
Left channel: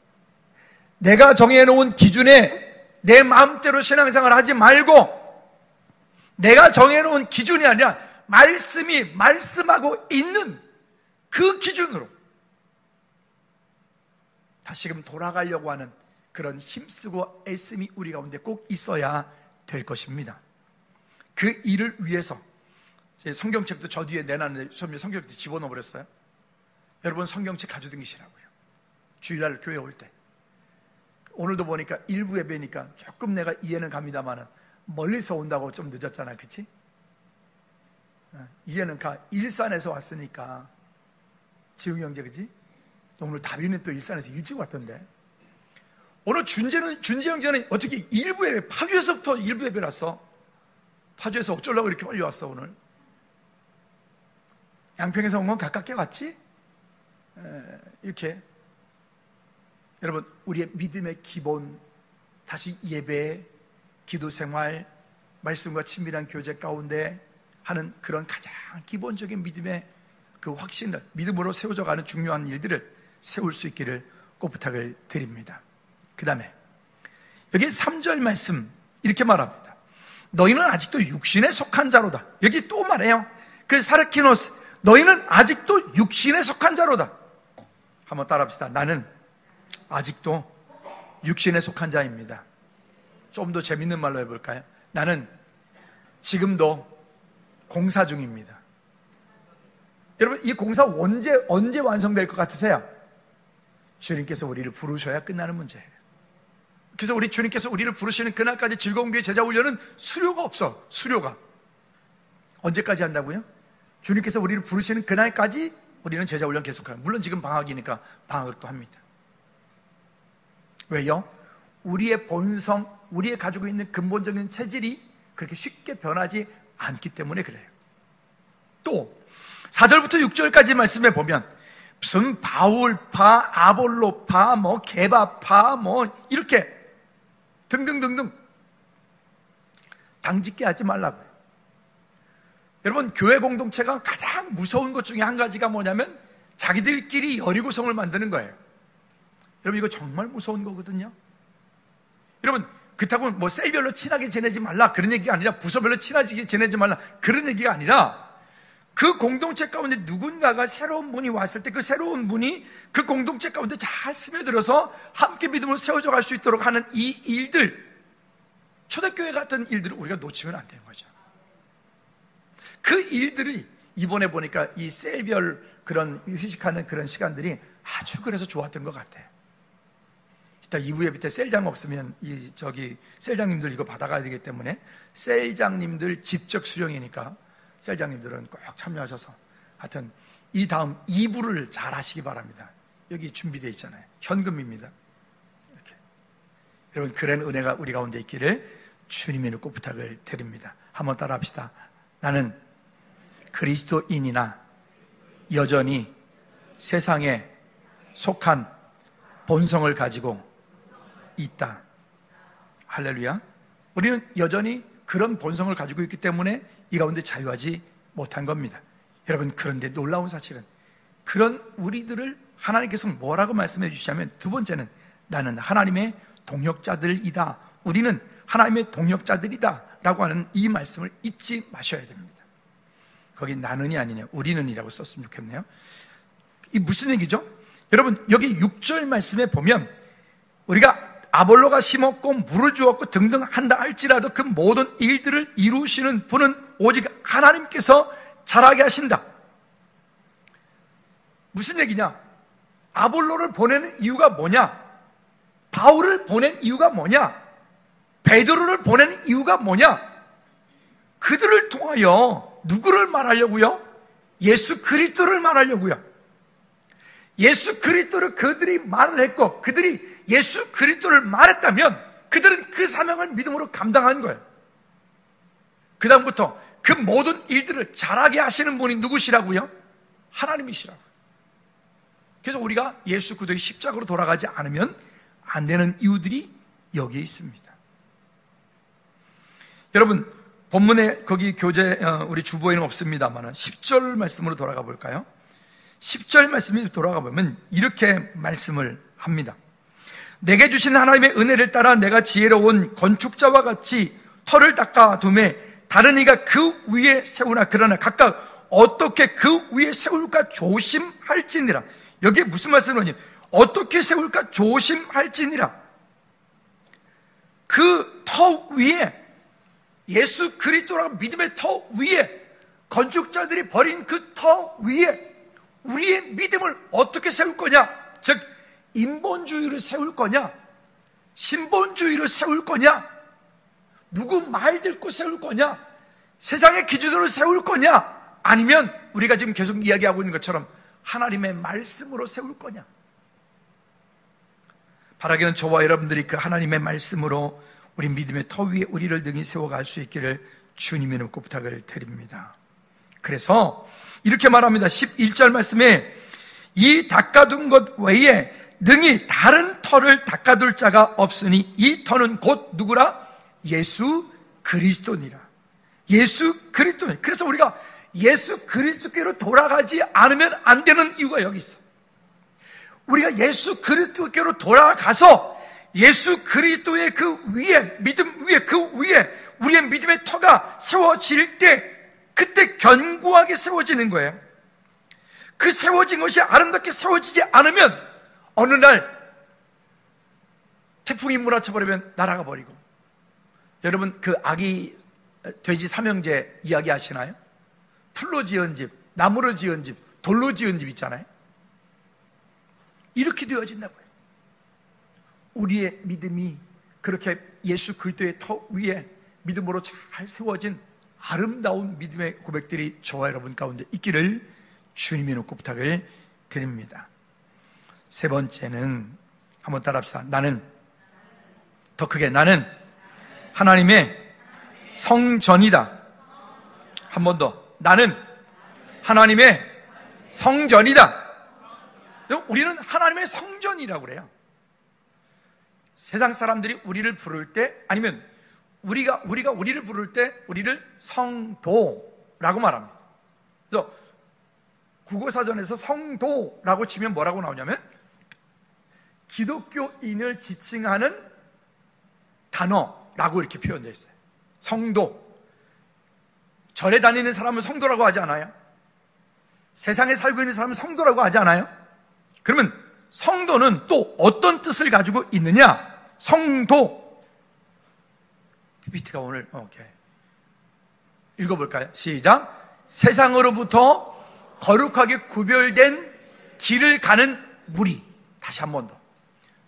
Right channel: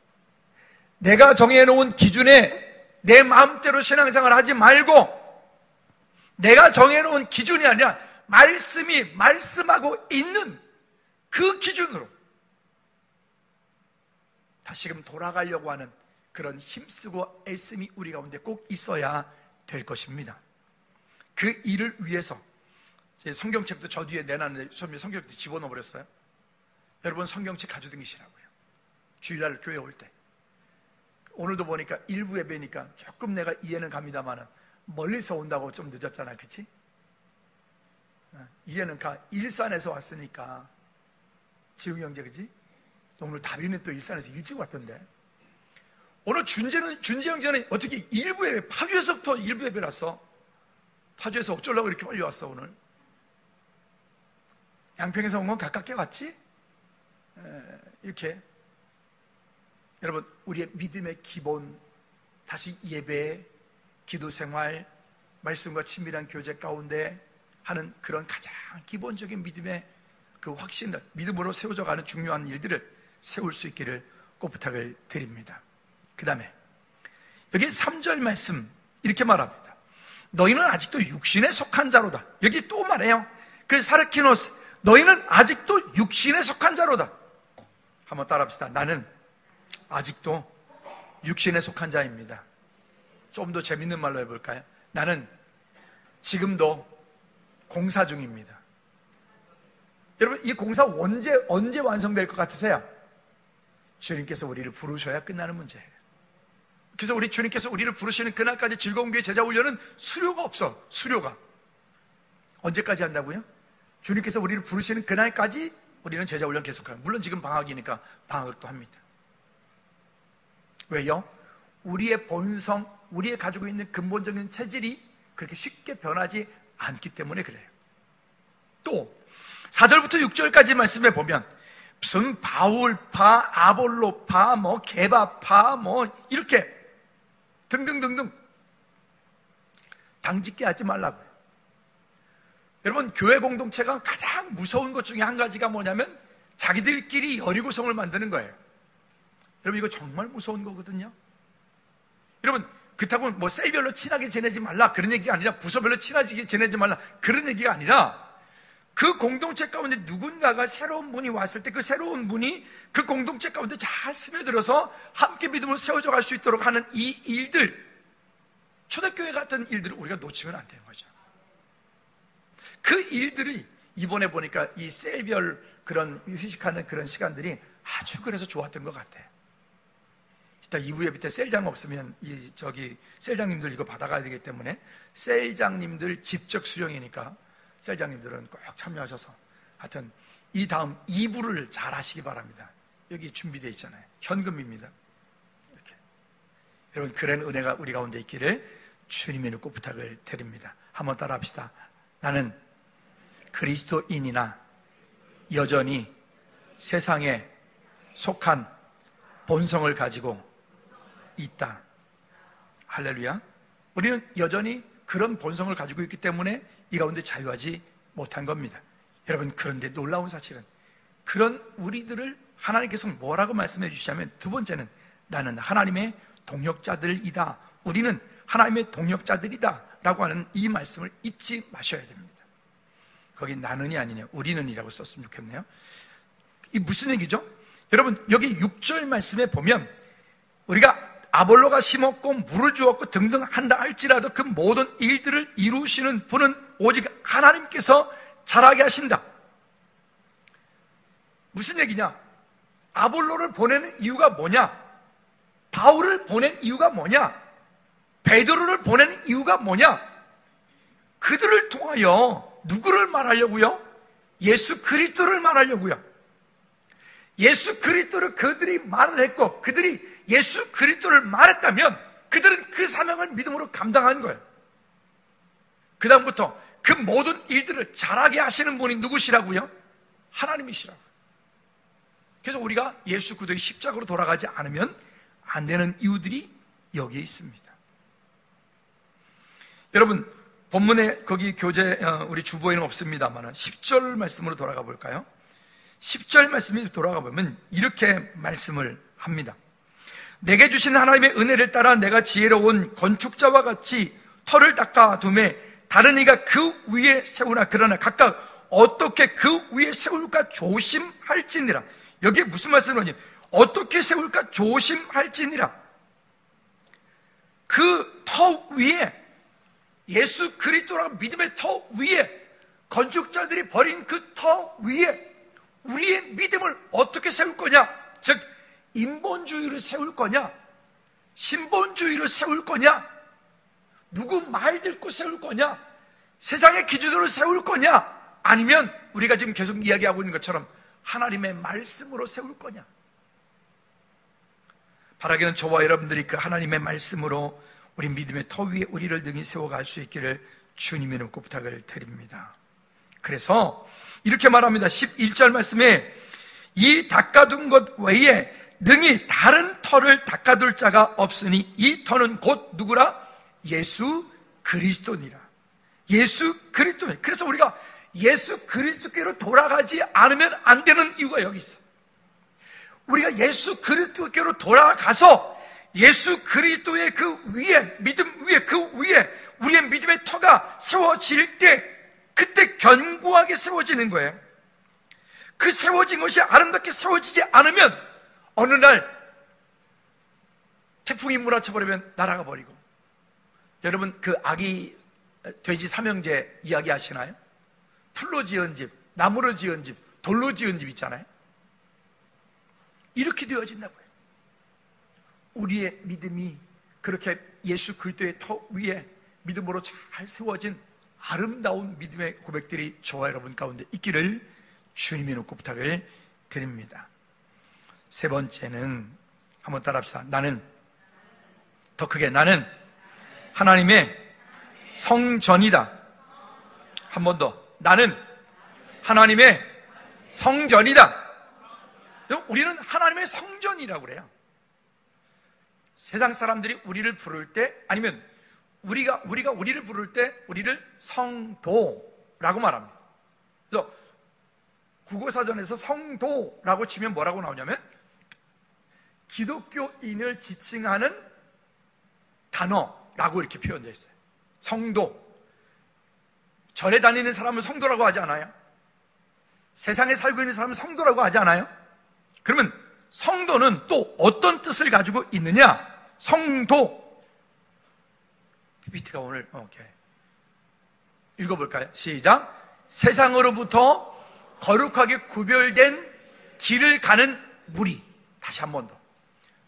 내가 정해놓은 기준에 내 마음대로 신앙생활 하지 말고 내가 정해놓은 기준이 아니라 말씀이 말씀하고 있는 그 기준으로 다시금 돌아가려고 하는 그런 힘쓰고 애씀이 우리 가운데 꼭 있어야 될 것입니다. 그 일을 위해서 제 성경책도 저 뒤에 내놨는데 처음에 성경책 집어넣어 버렸어요. 여러분 성경책 가져다니시라고요. 주일날 교회 올 때. 오늘도 보니까 일부 예배니까 조금 내가 이해는 갑니다만 멀리서 온다고 좀 늦었잖아, 그치? 이해는 가. 일산에서 왔으니까 지웅이 형제, 그치? 오늘 다비는 또 일산에서 일찍 왔던데. 오늘 준재 형제는 어떻게 일부 예배, 파주에서부터 일부 예배 났어? 파주에서 어쩌려고 이렇게 빨리 왔어, 오늘? 양평에서 온 건 가깝게 왔지? 이렇게. 여러분, 우리의 믿음의 기본, 다시 예배, 기도 생활, 말씀과 친밀한 교제 가운데 하는 그런 가장 기본적인 믿음의 그 확신을, 믿음으로 세워져 가는 중요한 일들을 세울 수 있기를 꼭 부탁을 드립니다. 그 다음에 여기 3절 말씀 이렇게 말합니다. 너희는 아직도 육신에 속한 자로다. 여기 또 말해요. 그 사르키노스, 너희는 아직도 육신에 속한 자로다. 한번 따라합시다. 나는 아직도 육신에 속한 자입니다. 좀 더 재밌는 말로 해볼까요? 나는 지금도 공사 중입니다. 여러분, 이 공사 언제 완성될 것 같으세요? 주님께서 우리를 부르셔야 끝나는 문제예요. 그래서 우리 주님께서 우리를 부르시는 그날까지 즐거운 교회 제자 훈련은 수료가 없어. 수료가. 언제까지 한다고요? 주님께서 우리를 부르시는 그날까지 우리는 제자 훈련 계속해요. 물론 지금 방학이니까 방학도 합니다. 왜요? 우리의 본성, 우리의 가지고 있는 근본적인 체질이 그렇게 쉽게 변하지 않기 때문에 그래요. 또 4절부터 6절까지 말씀해 보면 무슨 바울파, 아볼로파, 게바파, 이렇게 등등등등 당짓게 하지 말라고요. 여러분, 교회 공동체가 가장 무서운 것 중에 한 가지가 뭐냐면 자기들끼리 여리고성을 만드는 거예요. 여러분, 이거 정말 무서운 거거든요. 여러분, 그렇다고 셀별로 친하게 지내지 말라 그런 얘기가 아니라, 부서별로 친하게 지내지 말라 그런 얘기가 아니라, 그 공동체 가운데 누군가가 새로운 분이 왔을 때 그 새로운 분이 그 공동체 가운데 잘 스며들어서 함께 믿음을 세워져 갈 수 있도록 하는 이 일들, 초대교회 같은 일들을 우리가 놓치면 안 되는 거죠. 그 일들이 이번에 보니까 이 셀별 그런 휴식하는 그런 시간들이 아주 그래서 좋았던 것 같아요. 이따 2부 예배 때 셀장 없으면 셀장님들 이거 받아가야 되기 때문에 셀장님들 직접 수령이니까 셀장님들은 꼭 참여하셔서 하여튼 이 다음 2부를 잘 하시기 바랍니다. 여기 준비되어 있잖아요. 현금입니다. 이렇게. 여러분, 그런 은혜가 우리 가운데 있기를 주님의 이름으로 꼭 부탁을 드립니다. 한번 따라 합시다. 나는 그리스도인이나 여전히 세상에 속한 본성을 가지고 있다. 할렐루야. 우리는 여전히 그런 본성을 가지고 있기 때문에 이 가운데 자유하지 못한 겁니다. 여러분, 그런데 놀라운 사실은 그런 우리들을 하나님께서 뭐라고 말씀해 주시냐면, 두 번째는 나는 하나님의 동역자들이다. 우리는 하나님의 동역자들이다 라고 하는 이 말씀을 잊지 마셔야 됩니다. 거기 나는이 아니냐 우리는이라고 썼으면 좋겠네요. 이 무슨 얘기죠? 여러분, 여기 6절 말씀에 보면 우리가 아볼로가 심었고 물을 주었고 등등 한다 할지라도 그 모든 일들을 이루시는 분은 오직 하나님께서 자라게 하신다. 무슨 얘기냐? 아볼로를 보내는 이유가 뭐냐? 바울을 보낸 이유가 뭐냐? 베드로를 보내는 이유가 뭐냐? 그들을 통하여 누구를 말하려고요? 예수 그리스도를 말하려고요. 예수 그리스도를 그들이 말을 했고 그들이 예수 그리스도를 말했다면 그들은 그 사명을 믿음으로 감당한 거예요. 그 다음부터 그 모든 일들을 잘하게 하시는 분이 누구시라고요? 하나님이시라고요. 그래서 우리가 예수 그리스도의 십자가로 돌아가지 않으면 안 되는 이유들이 여기에 있습니다. 여러분, 본문에 거기 교재 우리 주보에는 없습니다만 10절 말씀으로 돌아가 볼까요? 10절 말씀이 돌아가 보면 이렇게 말씀을 합니다. 내게 주신 하나님의 은혜를 따라 내가 지혜로운 건축자와 같이 터를 닦아 두매 다른 이가 그 위에 세우나 그러나 각각 어떻게 그 위에 세울까 조심할지니라. 여기에 무슨 말씀이냐? 어떻게 세울까 조심할지니라. 그 터 위에 예수 그리스도라는 믿음의 터 위에 건축자들이 버린 그 터 위에 우리의 믿음을 어떻게 세울 거냐? 즉 인본주의를 세울 거냐? 신본주의를 세울 거냐? 누구 말 듣고 세울 거냐? 세상의 기준으로 세울 거냐? 아니면 우리가 지금 계속 이야기하고 있는 것처럼 하나님의 말씀으로 세울 거냐? 바라기는 저와 여러분들이 그 하나님의 말씀으로 우리 믿음의 터 위에 우리를 능히 세워갈 수 있기를 주님의 놓고 부탁을 드립니다. 그래서 이렇게 말합니다. 11절 말씀에 이 닦아둔 것 외에 능히 다른 터를 닦아둘 자가 없으니 이 터는 곧 누구라? 예수 그리스도니라. 예수 그리스도. 그래서 우리가 예수 그리스도께로 돌아가지 않으면 안 되는 이유가 여기 있어. 우리가 예수 그리스도께로 돌아가서 예수 그리스도의 그 위에, 믿음 위에, 그 위에 우리의 믿음의 터가 세워질 때 그때 견고하게 세워지는 거예요. 그 세워진 것이 아름답게 세워지지 않으면 어느 날 태풍이 몰아쳐버리면 날아가 버리고. 여러분 그 아기 돼지 삼형제 이야기 하시나요? 풀로 지은 집, 나무로 지은 집, 돌로 지은 집 있잖아요. 이렇게 되어진다고요. 우리의 믿음이 그렇게 예수 그리스도의 터 위에 믿음으로 잘 세워진 아름다운 믿음의 고백들이 저와 여러분 가운데 있기를 주님이 놓고 부탁을 드립니다. 세 번째는 한번 따라합시다. 나는 더 크게 나는 하나님의 성전이다. 한 번 더. 나는 하나님의 성전이다. 우리는 하나님의 성전이라고 그래요. 세상 사람들이 우리를 부를 때 아니면 우리가 우리를 부를 때 우리를 성도라고 말합니다. 그래서 국어사전에서 성도라고 치면 뭐라고 나오냐면 기독교인을 지칭하는 단어라고 이렇게 표현되어 있어요. 성도. 절에 다니는 사람은 성도라고 하지 않아요? 세상에 살고 있는 사람은 성도라고 하지 않아요? 그러면 성도는 또 어떤 뜻을 가지고 있느냐? 성도. PPT가 오늘 오케이. 읽어볼까요? 시작. 세상으로부터 거룩하게 구별된 길을 가는 무리. 다시 한 번 더.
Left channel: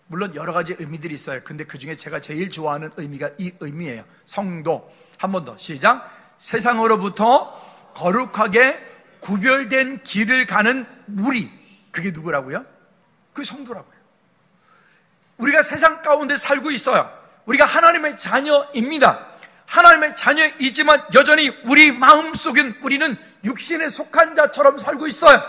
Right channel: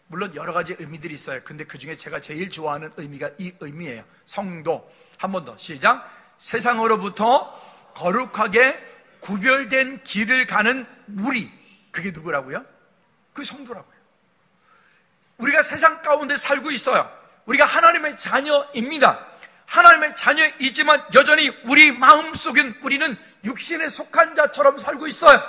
물론 여러 가지 의미들이 있어요. 근데 그 중에 제가 제일 좋아하는 의미가 이 의미예요. 성도. 한 번 더. 시작. 세상으로부터 거룩하게 구별된 길을 가는 무리. 그게 누구라고요? 그게 성도라고요. 우리가 세상 가운데 살고 있어요. 우리가 하나님의 자녀입니다. 하나님의 자녀이지만 여전히 우리 마음속엔 우리는 육신에 속한 자처럼 살고 있어요.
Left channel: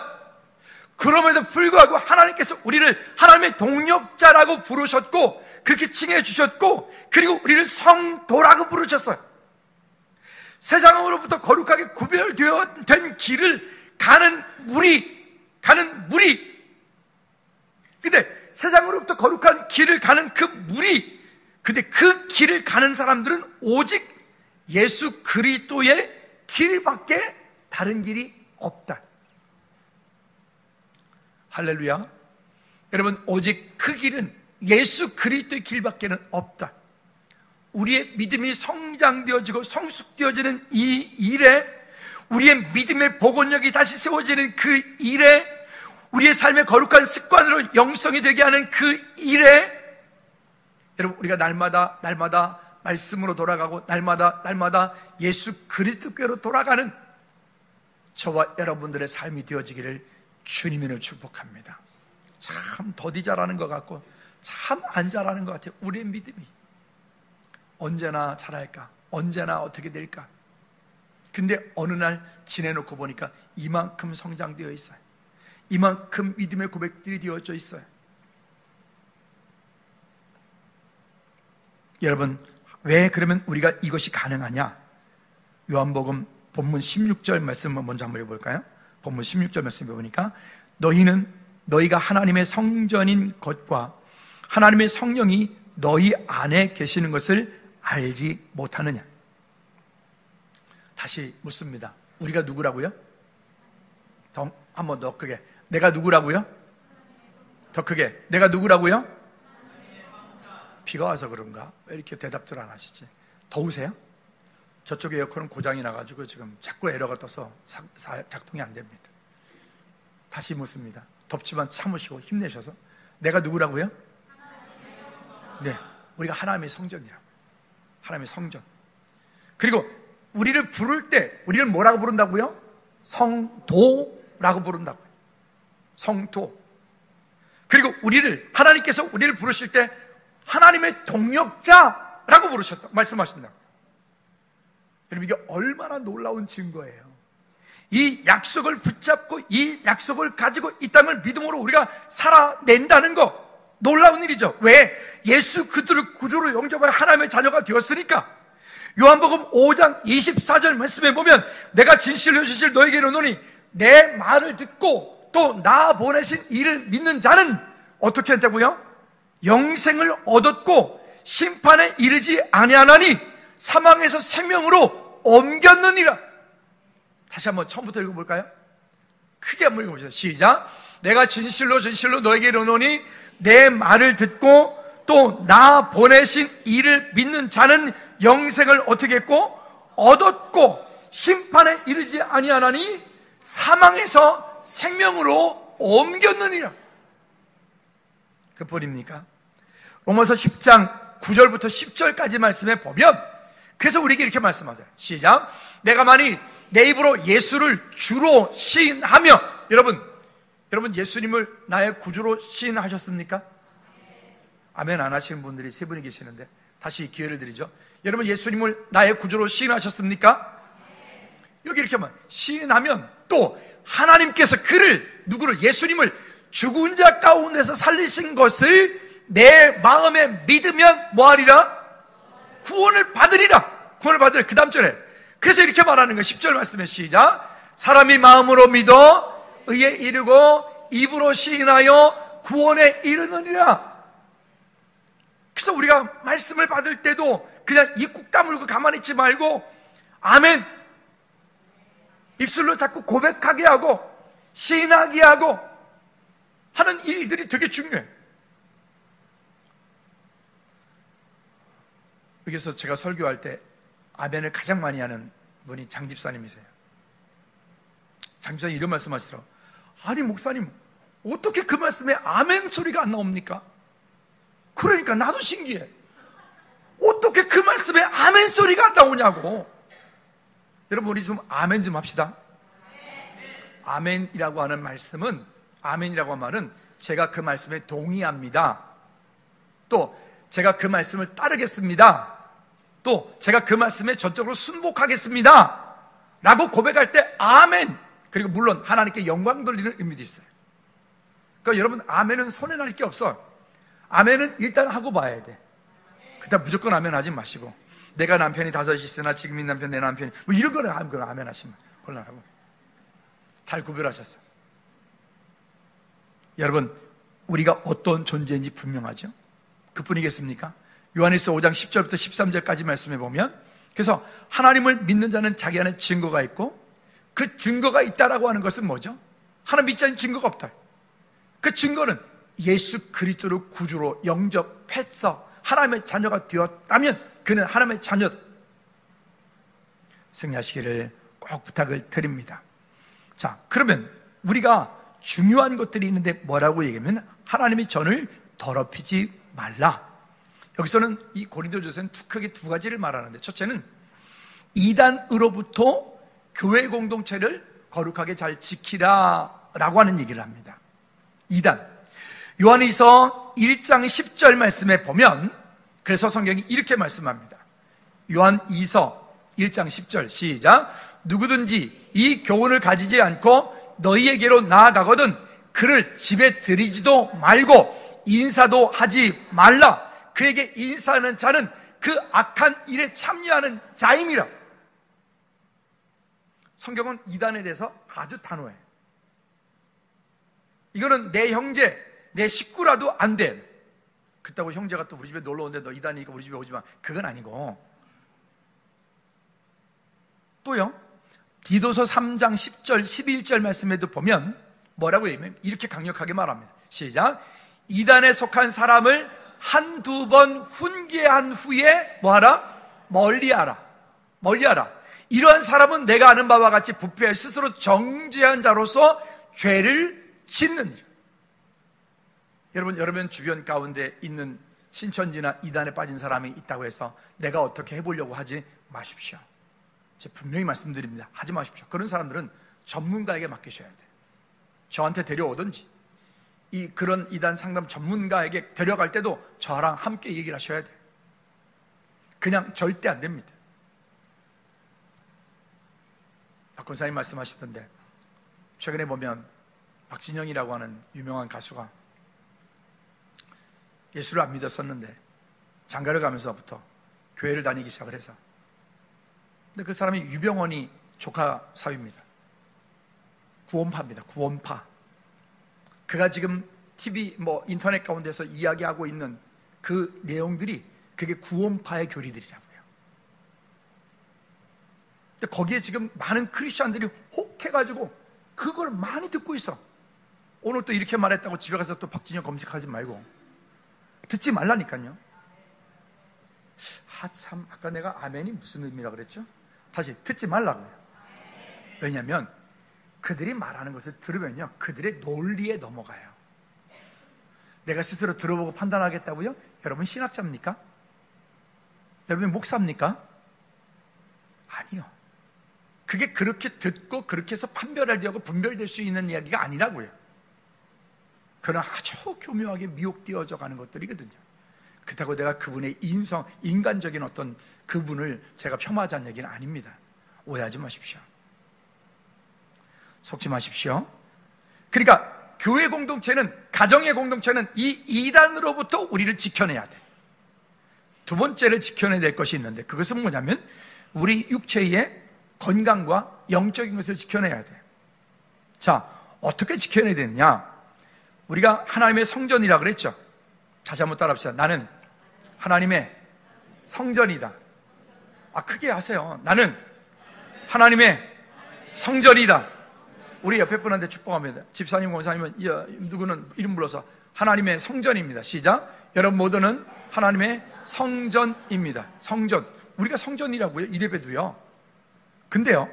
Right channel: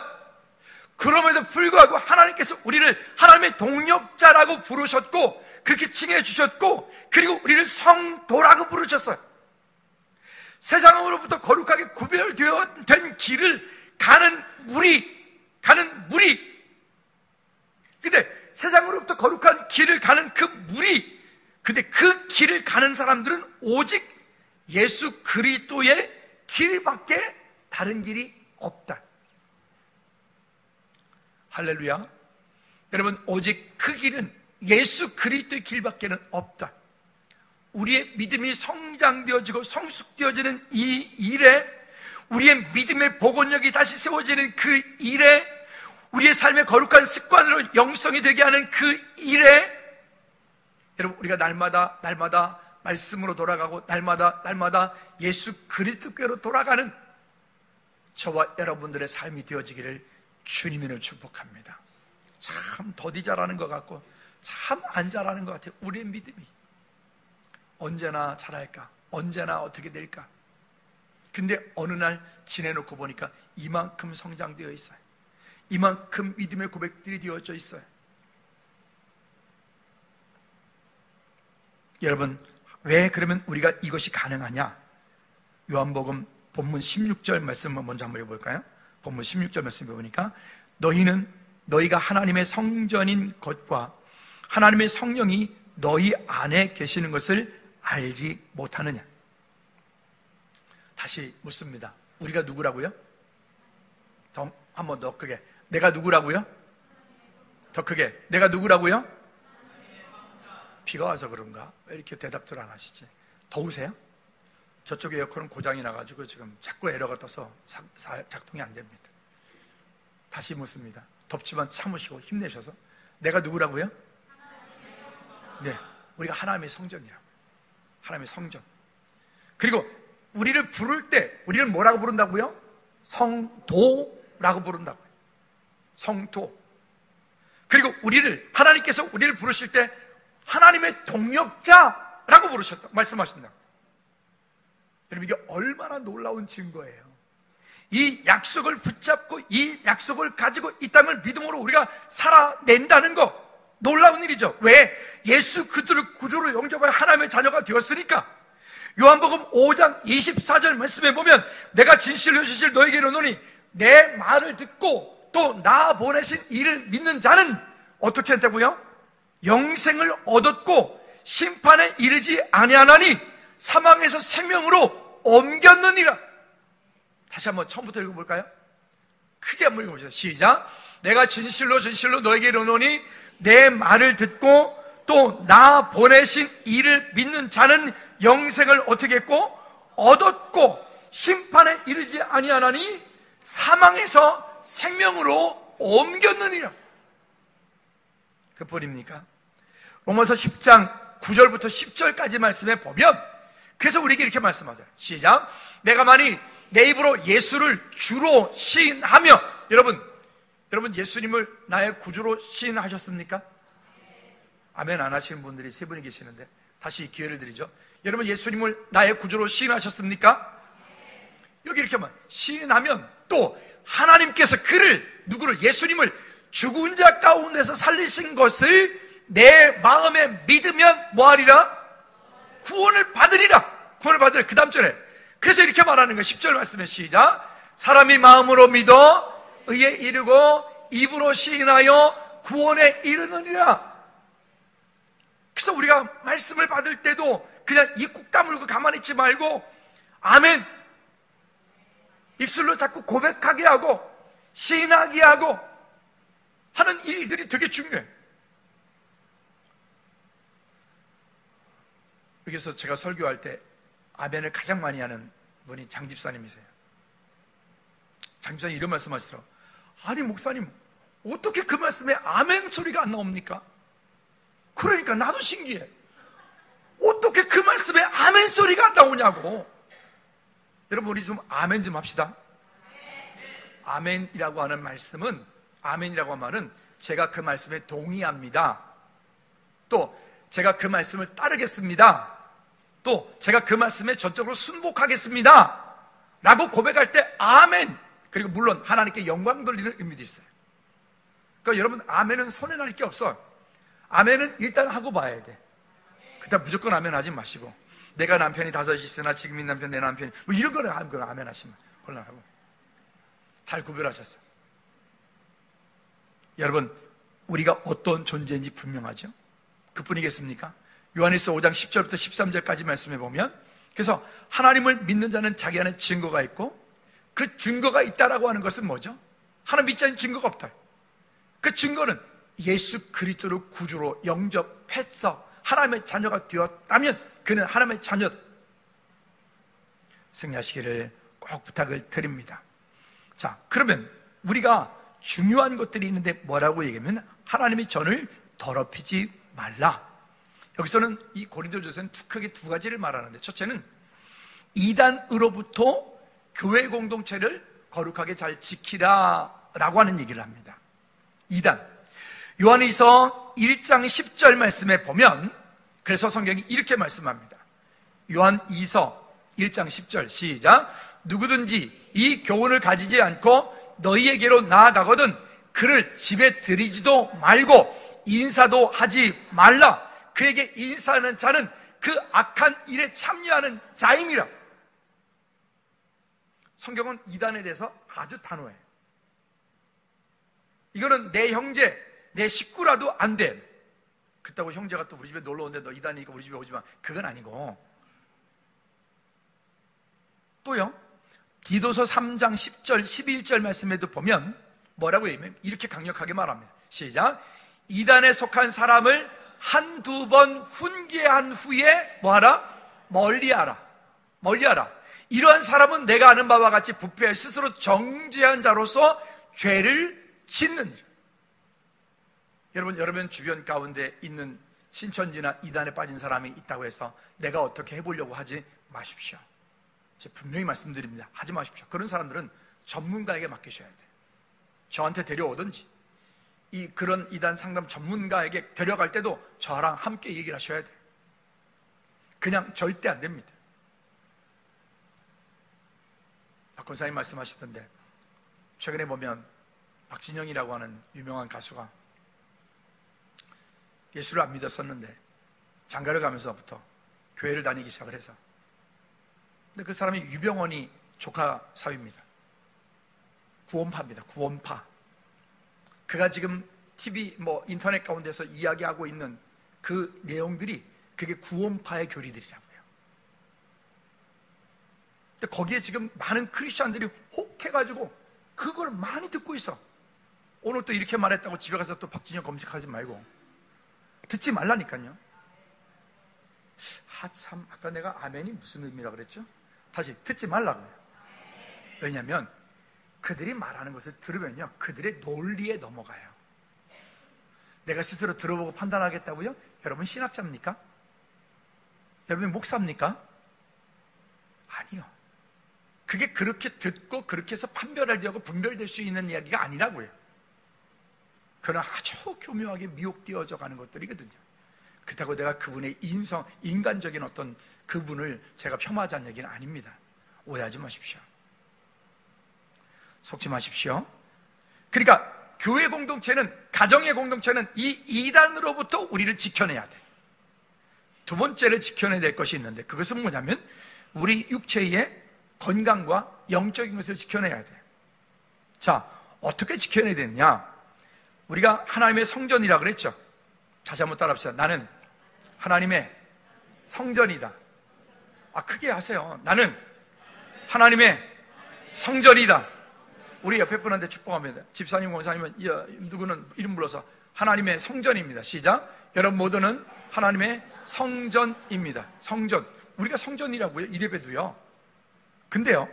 그럼에도 불구하고 하나님께서 우리를 하나님의 동역자라고 부르셨고 그렇게 칭해 주셨고 그리고 우리를 성도라고 부르셨어요. 세상으로부터 거룩하게 구별된 길을 가는 무리. 근데 세상으로부터 거룩한 길을 가는 그 무리. 근데 그 길을 가는 사람들은 오직 예수 그리스도의 길밖에 다른 길이 없다. 할렐루야. 여러분 오직 그 길은 예수 그리스도의 길밖에는 없다. 우리의 믿음이 성장되어지고 성숙되어지는 이 일에, 우리의 믿음의 복원력이 다시 세워지는 그 일에, 우리의 삶의 거룩한 습관으로 영성이 되게 하는 그 일에, 여러분, 우리가 날마다 말씀으로 돌아가고 날마다 예수 그리스도께로 돌아가는 저와 여러분들의 삶이 되어지기를 주님으로 축복합니다. 참 더디 잘하는 것 같고 참 안 잘하는 것 같아요. 우리의 믿음이 언제나 잘할까? 언제나 어떻게 될까? 근데 어느 날 지내놓고 보니까 이만큼 성장되어 있어요. 이만큼 믿음의 고백들이 되어져 있어요. 여러분, 왜 그러면 우리가 이것이 가능하냐? 요한복음 본문 16절 말씀을 먼저 한번 해볼까요? 본문 16절 말씀을 보니까 너희가 하나님의 성전인 것과 하나님의 성령이 너희 안에 계시는 것을 알지 못하느냐? 다시 묻습니다. 우리가 누구라고요? 한 번 더 크게. 내가 누구라고요? 더 크게. 내가 누구라고요? 비가 와서 그런가? 왜 이렇게 대답들 안 하시지? 더우세요? 저쪽 에어컨은 고장이 나가지고 지금 자꾸 에러가 떠서 작동이 안 됩니다. 다시 묻습니다. 덥지만 참으시고 힘내셔서. 내가 누구라고요? 네, 우리가 하나님의 성전이라고. 하나님의 성전. 그리고 우리를 부를 때 우리는 뭐라고 부른다고요? 성도라고 부른다고요. 성도. 그리고 하나님께서 우리를 부르실 때 하나님의 동역자라고 말씀하신다고. 여러분, 이게 얼마나 놀라운 증거예요. 이 약속을 붙잡고 이 약속을 가지고 이 땅을 믿음으로 우리가 살아낸다는 거, 놀라운 일이죠. 왜? 예수 그리스도를 구주로 영접한 하나님의 자녀가 되었으니까. 요한복음 5장 24절 말씀에 보면 내가 진실로 진실 너에게 이르노니 내 말을 듣고 또 나 보내신 이를 믿는 자는 어떻게 한다고요? 영생을 얻었고 심판에 이르지 아니하나니 사망에서 생명으로 옮겼느니라. 다시 한번 처음부터 읽어볼까요? 크게 한번 읽어보세요. 시작. 내가 진실로 진실로 너에게 이르노니 내 말을 듣고 또 나 보내신 이를 믿는 자는 영생을 어떻게 했고 얻었고 심판에 이르지 아니하나니 사망에서 생명으로 옮겼느니라. 그뿐입니까? 로마서 10장 9절부터 10절까지 말씀에 보면, 그래서 우리에게 이렇게 말씀하세요. 시작. 내가 만일 내 입으로 예수를 주로 시인하며, 여러분 예수님을 나의 구주로 시인하셨습니까? 아멘 안 하시는 분들이 세 분이 계시는데 다시 기회를 드리죠. 여러분, 예수님을 나의 구주로 시인하셨습니까? 여기 이렇게 하면 시인하면 또 하나님께서 누구를? 예수님을 죽은 자 가운데서 살리신 것을 내 마음에 믿으면 뭐하리라? 구원을 받으리라. 그 다음 절에 그래서 이렇게 말하는 거예요. 10절 말씀에 시작. 사람이 마음으로 믿어 의에 이르고 입으로 시인하여 구원에 이르느니라. 그래서 우리가 말씀을 받을 때도 그냥 입 꾹 다물고 가만히 있지 말고 아멘 입술로 자꾸 고백하게 하고 시인하게 하고 하는 일들이 되게 중요해요. 여기서 제가 설교할 때 아멘을 가장 많이 하는 분이 장 집사님이세요. 장 집사님 이런 말씀 하시더라고요. 아니 목사님 어떻게 그 말씀에 아멘 소리가 안 나옵니까? 그러니까 나도 신기해. 어떻게 그 말씀에 아멘 소리가 안 나오냐고. 여러분 우리 좀 아멘 좀 합시다. 아멘이라고 하는 말씀은, 아멘이라고 하는 말은 제가 그 말씀에 동의합니다. 또 제가 그 말씀을 따르겠습니다. 또 제가 그 말씀에 전적으로 순복하겠습니다 라고 고백할 때 아멘. 그리고 물론 하나님께 영광 돌리는 의미도 있어요. 그러니까 여러분 아멘은 손해날 게 없어. 아멘은 일단 하고 봐야 돼. 그냥 무조건 아멘 하지 마시고 내가 남편이 5이 있으나 지금 이 남편 내 남편이 뭐 이런 거는 아멘 하시면 곤란하고. 잘 구별하셨어요. 여러분 우리가 어떤 존재인지 분명하죠. 그뿐이겠습니까? 요한일서 5장 10절부터 13절까지 말씀해 보면, 그래서 하나님을 믿는 자는 자기 안에 증거가 있고 그 증거가 있다라고 하는 것은 뭐죠? 하나님 믿지 않는 증거가 없다. 그 증거는 예수 그리스도를 구주로 영접해서 하나님의 자녀가 되었다면 그는 하나님의 자녀 승리하시기를 꼭 부탁을 드립니다. 자, 그러면 우리가 중요한 것들이 있는데 뭐라고 얘기하면 하나님의 전을 더럽히지 말라. 여기서는 이 고린도전서는 크게 두 가지를 말하는데, 첫째는 이단으로부터 교회 공동체를 거룩하게 잘 지키라 라고 하는 얘기를 합니다. 이단. 요한일서 1장 10절 말씀에 보면, 그래서 성경이 이렇게 말씀합니다. 요한일서 1장 10절 시작. 누구든지 이 교훈을 가지지 않고 너희에게로 나아가거든 그를 집에 들이지도 말고 인사도 하지 말라. 그에게 인사하는 자는 그 악한 일에 참여하는 자임이라. 성경은 이단에 대해서 아주 단호해요. 이거는 내 형제, 내 식구라도 안 돼. 그렇다고 형제가 또 우리 집에 놀러 오는데 너 이단이니까 우리 집에 오지 마. 그건 아니고. 또요, 디도서 3장 10절, 11절 말씀에도 보면 뭐라고 얘기하면 이렇게 강력하게 말합니다. 시작. 이단에 속한 사람을 한두 번 훈계한 후에 뭐하라? 멀리하라. 멀리하라. 이러한 사람은 내가 아는 바와 같이 부패 스스로 정죄한 자로서 죄를 짓는 자. 여러분 주변 가운데 있는 신천지나 이단에 빠진 사람이 있다고 해서 내가 어떻게 해보려고 하지 마십시오. 제가 분명히 말씀드립니다. 하지 마십시오. 그런 사람들은 전문가에게 맡기셔야 돼요. 저한테 데려오든지 그런 이단 상담 전문가에게 데려갈 때도 저랑 함께 얘기를 하셔야 돼요. 그냥 절대 안 됩니다. 박 권사님 말씀하시던데 최근에 보면 박진영이라고 하는 유명한 가수가 예수를 안 믿었었는데 장가를 가면서부터 교회를 다니기 시작을 해서, 근데 그 사람이 유병원이 조카 사위입니다. 구원파입니다. 구원파. 그가 지금 TV 인터넷 가운데서 이야기하고 있는 그 내용들이 그게 구원파의 교리들이라고요. 근데 거기에 지금 많은 크리스천들이 혹해가지고 그걸 많이 듣고 있어. 오늘 또 이렇게 말했다고 집에 가서 또 박진영 검색하지 말고 듣지 말라니까요. 참, 아까 내가 아멘이 무슨 의미라 그랬죠? 다시 듣지 말라고요. 왜냐하면 그들이 말하는 것을 들으면요, 그들의 논리에 넘어가요. 내가 스스로 들어보고 판단하겠다고요? 여러분 신학자입니까? 여러분 목사입니까? 아니요. 그게 그렇게 듣고 그렇게 해서 판별하려고 분별될 수 있는 이야기가 아니라고요. 그러나 아주 교묘하게 미혹되어져 가는 것들이거든요. 그렇다고 내가 그분의 인간적인 어떤 그분을 제가 폄하하자는 얘기는 아닙니다. 오해하지 마십시오. 속지 마십시오. 그러니까 교회 공동체는, 가정의 공동체는 이 이단으로부터 우리를 지켜내야 돼. 두 번째를 지켜내야 될 것이 있는데, 그것은 뭐냐면 우리 육체의 건강과 영적인 것을 지켜내야 돼. 자, 어떻게 지켜내야 되느냐? 우리가 하나님의 성전이라 그랬죠. 다시 한번 따라합시다. 나는 하나님의 성전이다. 크게 하세요. 나는 하나님의 성전이다. 우리 옆에 분한테 축복합니다. 집사님, 권사님은 누구는 이름 불러서 하나님의 성전입니다. 시작. 여러분 모두는 하나님의 성전입니다. 성전. 우리가 성전이라고요. 이래봬도요. 근데요,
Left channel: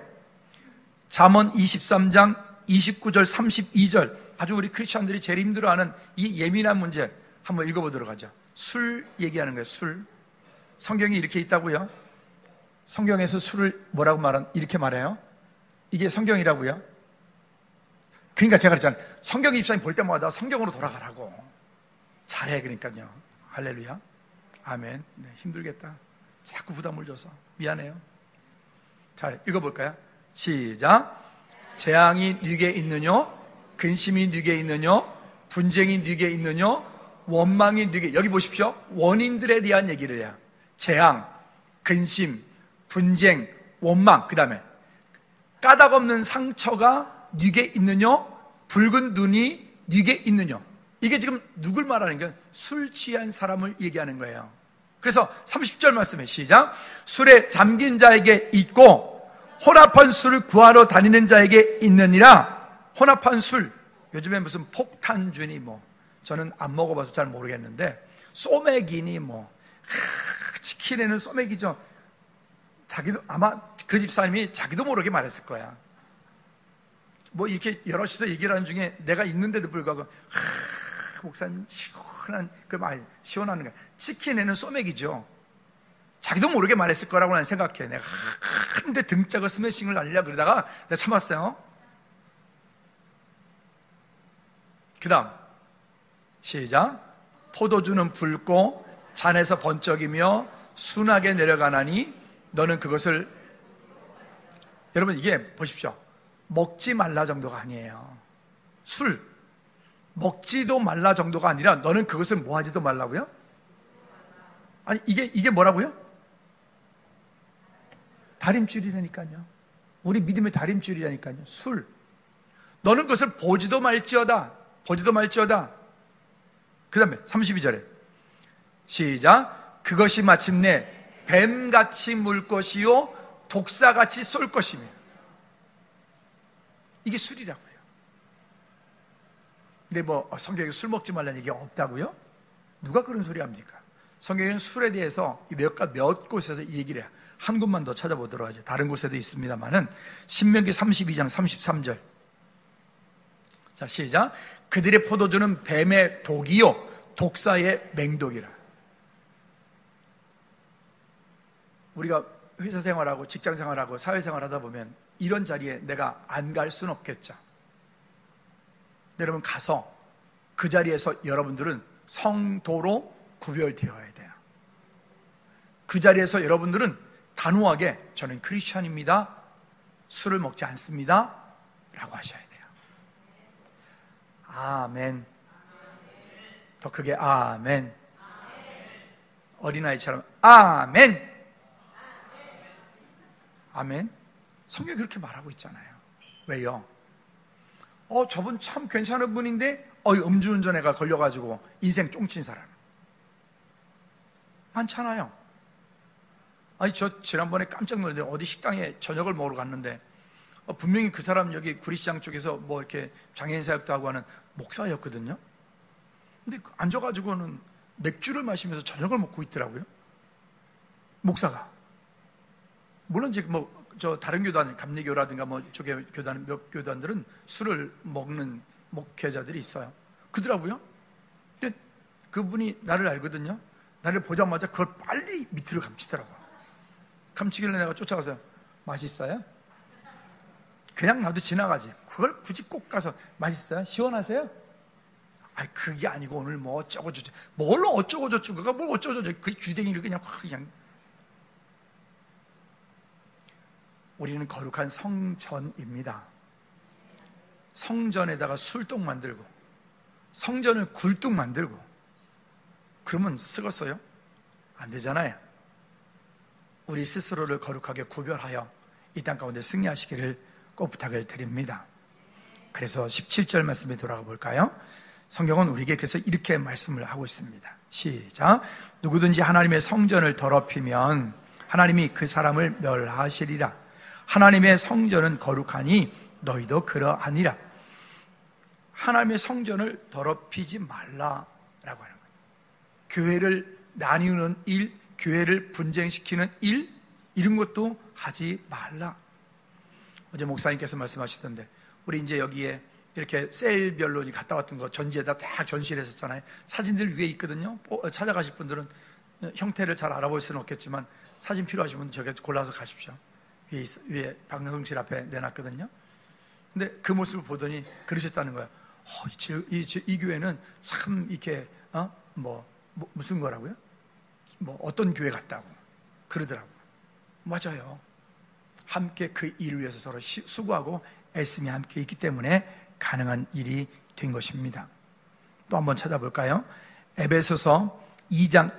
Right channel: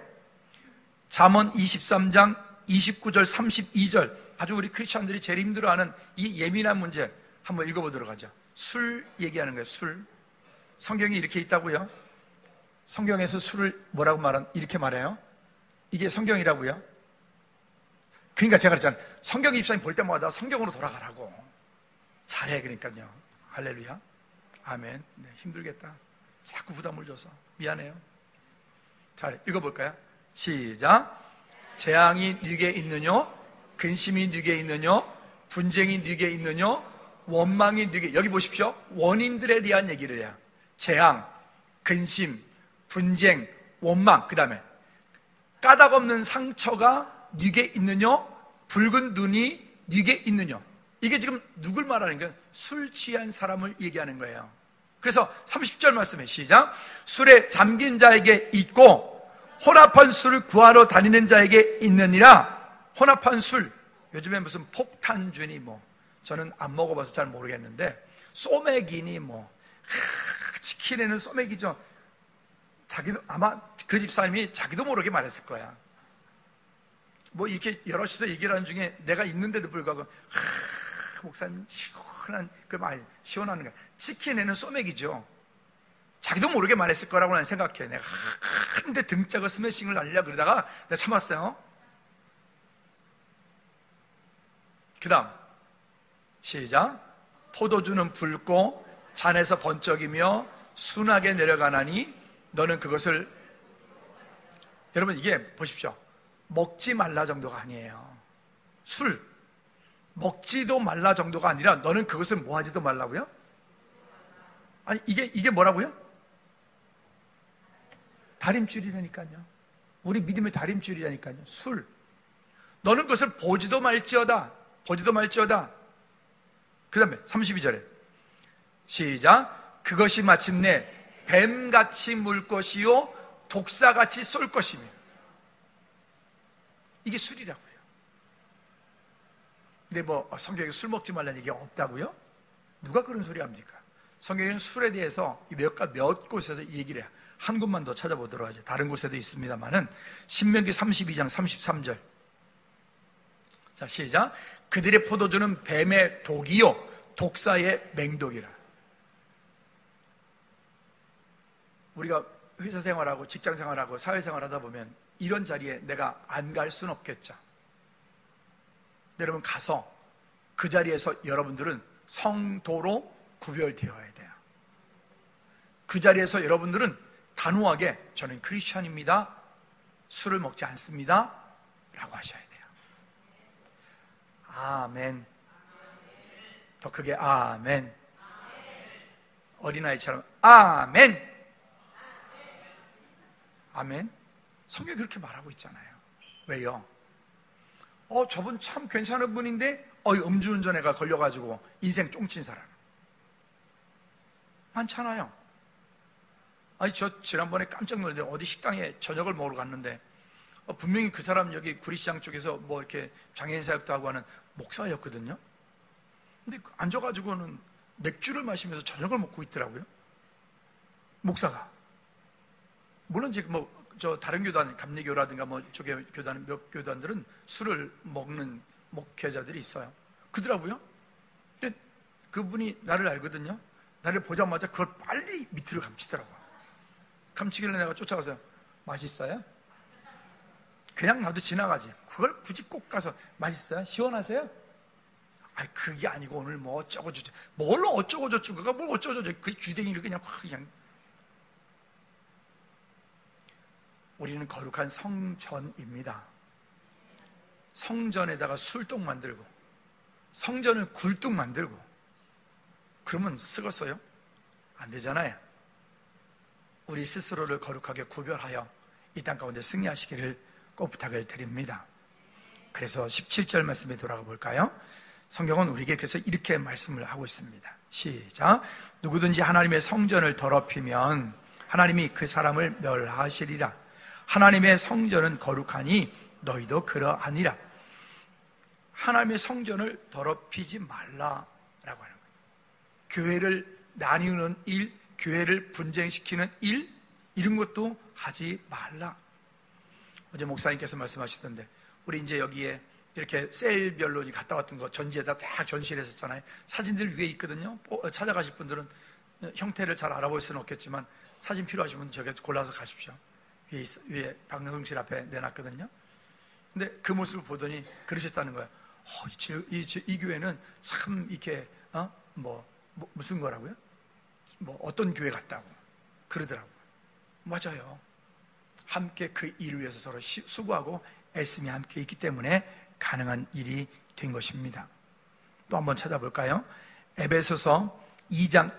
잠언 23장 29절 32절, 아주 우리 크리스천들이 제일 힘들어하는 이 예민한 문제 한번 읽어보도록 하죠. 술 얘기하는 거예요. 술. 성경이 이렇게 있다고요. 성경에서 술을 뭐라고 이렇게 말해요. 이게 성경이라고요. 그러니까 제가 그랬잖아요. 성경 입사님 볼 때마다 성경으로 돌아가라고. 잘해. 그러니까요. 할렐루야. 아멘. 네, 힘들겠다. 자꾸 부담을 줘서 미안해요. 자, 읽어볼까요? 시작. 재앙이 네게 있느뇨? 근심이 네게 있느뇨? 분쟁이 네게 있느뇨? 원망이 네게. 여기 보십시오. 원인들에 대한 얘기를 해요. 재앙, 근심, 분쟁, 원망. 그 다음에 까닭없는 상처가 네게 있느뇨? 붉은 눈이 네게 있느뇨? 이게 지금 누굴 말하는 거예요? 술 취한 사람을 얘기하는 거예요. 그래서 30절 말씀에 시작. 술에 잠긴 자에게 있고 혼합한 술을 구하러 다니는 자에게 있느니라. 혼합한 술. 요즘에 무슨 폭탄주니 저는 안 먹어봐서 잘 모르겠는데 소맥이니 치킨에는 소맥이죠. 자기도 아마 그 집사님이 자기도 모르게 말했을 거야. 이렇게 여럿이서 얘기를 하는 중에 내가 있는데도 불구하고 목사님 시원한 그 말 시원하는 거야. 치킨에는 소맥이죠. 자기도 모르게 말했을 거라고 나는 생각해. 내가 한데 등짝을 스매싱을 날리려고 그러다가 내가 참았어요. 그 다음 시작. 포도주는 붉고 잔에서 번쩍이며 순하게 내려가나니 너는 그것을. 여러분 이게 보십시오. 먹지 말라 정도가 아니에요. 술 먹지도 말라 정도가 아니라 너는 그것을 뭐 하지도 말라고요? 아니 이게 뭐라고요? 다림줄이라니까요. 우리 믿음의 다림줄이라니까요. 술. 너는 그것을 보지도 말지어다. 그 다음에 32절에 시작. 그것이 마침내 뱀같이 물 것이요 독사같이 쏠 것이며. 이게 술이라고요. 근데 성경에 술 먹지 말라는 얘기가 없다고요? 누가 그런 소리 합니까? 성경에는 술에 대해서 몇 곳에서 이 얘기를 해요. 한 곳만 더 찾아보도록 하죠. 다른 곳에도 있습니다만은 신명기 32장 33절. 자, 시작. 그들의 포도주는 뱀의 독이요 독사의 맹독이라. 우리가 회사 생활하고 직장 생활하고 사회생활 하다 보면 이런 자리에 내가 안 갈 수는 없겠죠. 여러분 가서 그 자리에서 여러분들은 성도로 구별되어야 돼요. 그 자리에서 여러분들은 단호하게 저는 크리스천입니다. 술을 먹지 않습니다. 라고 하셔야 돼요. 아멘. 더 크게 아멘. 어린아이처럼 아멘. 아멘. 성경이 그렇게 말하고 있잖아요. 왜요? 저분 참 괜찮은 분인데 음주운전에가 걸려가지고 인생 쫑친 사람 많잖아요. 저 지난번에 깜짝 놀랐는데 어디 식당에 저녁을 먹으러 갔는데 분명히 그 사람 여기 구리시장 쪽에서 이렇게 장애인 사역도 하고 하는 목사였거든요. 근데 앉아가지고는 맥주를 마시면서 저녁을 먹고 있더라고요. 목사가. 물론 이제 다른 교단, 감리교라든가 저게 교단, 몇 교단들은 술을 먹는 목회자들이 있어요. 그러더라고요. 근데 그분이 나를 알거든요. 나를 보자마자 그걸 빨리 밑으로 감치더라고요. 감치길래 내가 쫓아가서 맛있어요? 그냥 나도 지나가지. 그걸 굳이 꼭 가서 맛있어요? 시원하세요? 그게 아니고 오늘 어쩌고저쩌고. 뭘로 어쩌고저쩌고. 그가 뭘 어쩌고저쩌고. 그 주댕이를 그냥 우리는 거룩한 성전입니다. 성전에다가 술똥 만들고 성전을 굴뚝 만들고 그러면 쓰겠어요? 안 되잖아요. 우리 스스로를 거룩하게 구별하여 이 땅 가운데 승리하시기를 꼭 부탁을 드립니다. 그래서 17절 말씀에 돌아가 볼까요? 성경은 우리에게 그래서 이렇게 말씀을 하고 있습니다. 시작. 누구든지 하나님의 성전을 더럽히면 하나님이 그 사람을 멸하시리라. 하나님의 성전은 거룩하니 너희도 그러하니라. 하나님의 성전을 더럽히지 말라라고 하는 거예요. 교회를 나뉘는 일, 교회를 분쟁시키는 일, 이런 것도 하지 말라. 어제 목사님께서 말씀하시던데 우리 이제 여기에 이렇게 셀별로 갔다 왔던 거 전지에다 다 전시를 했었잖아요. 사진들 위에 있거든요. 찾아가실 분들은 형태를 잘 알아볼 수는 없겠지만 사진 필요하시면 저기 골라서 가십시오. 위에 방송실 앞에 내놨거든요. 근데 그 모습을 보더니 그러셨다는 거예요. 이 교회는 참 이렇게 무슨 거라고요? 어떤 교회 같다고 그러더라고요. 맞아요. 함께 그 일을 위해서 서로 수고하고 애씀이 함께 있기 때문에 가능한 일이 된 것입니다. 또 한번 찾아볼까요? 에베소서 2장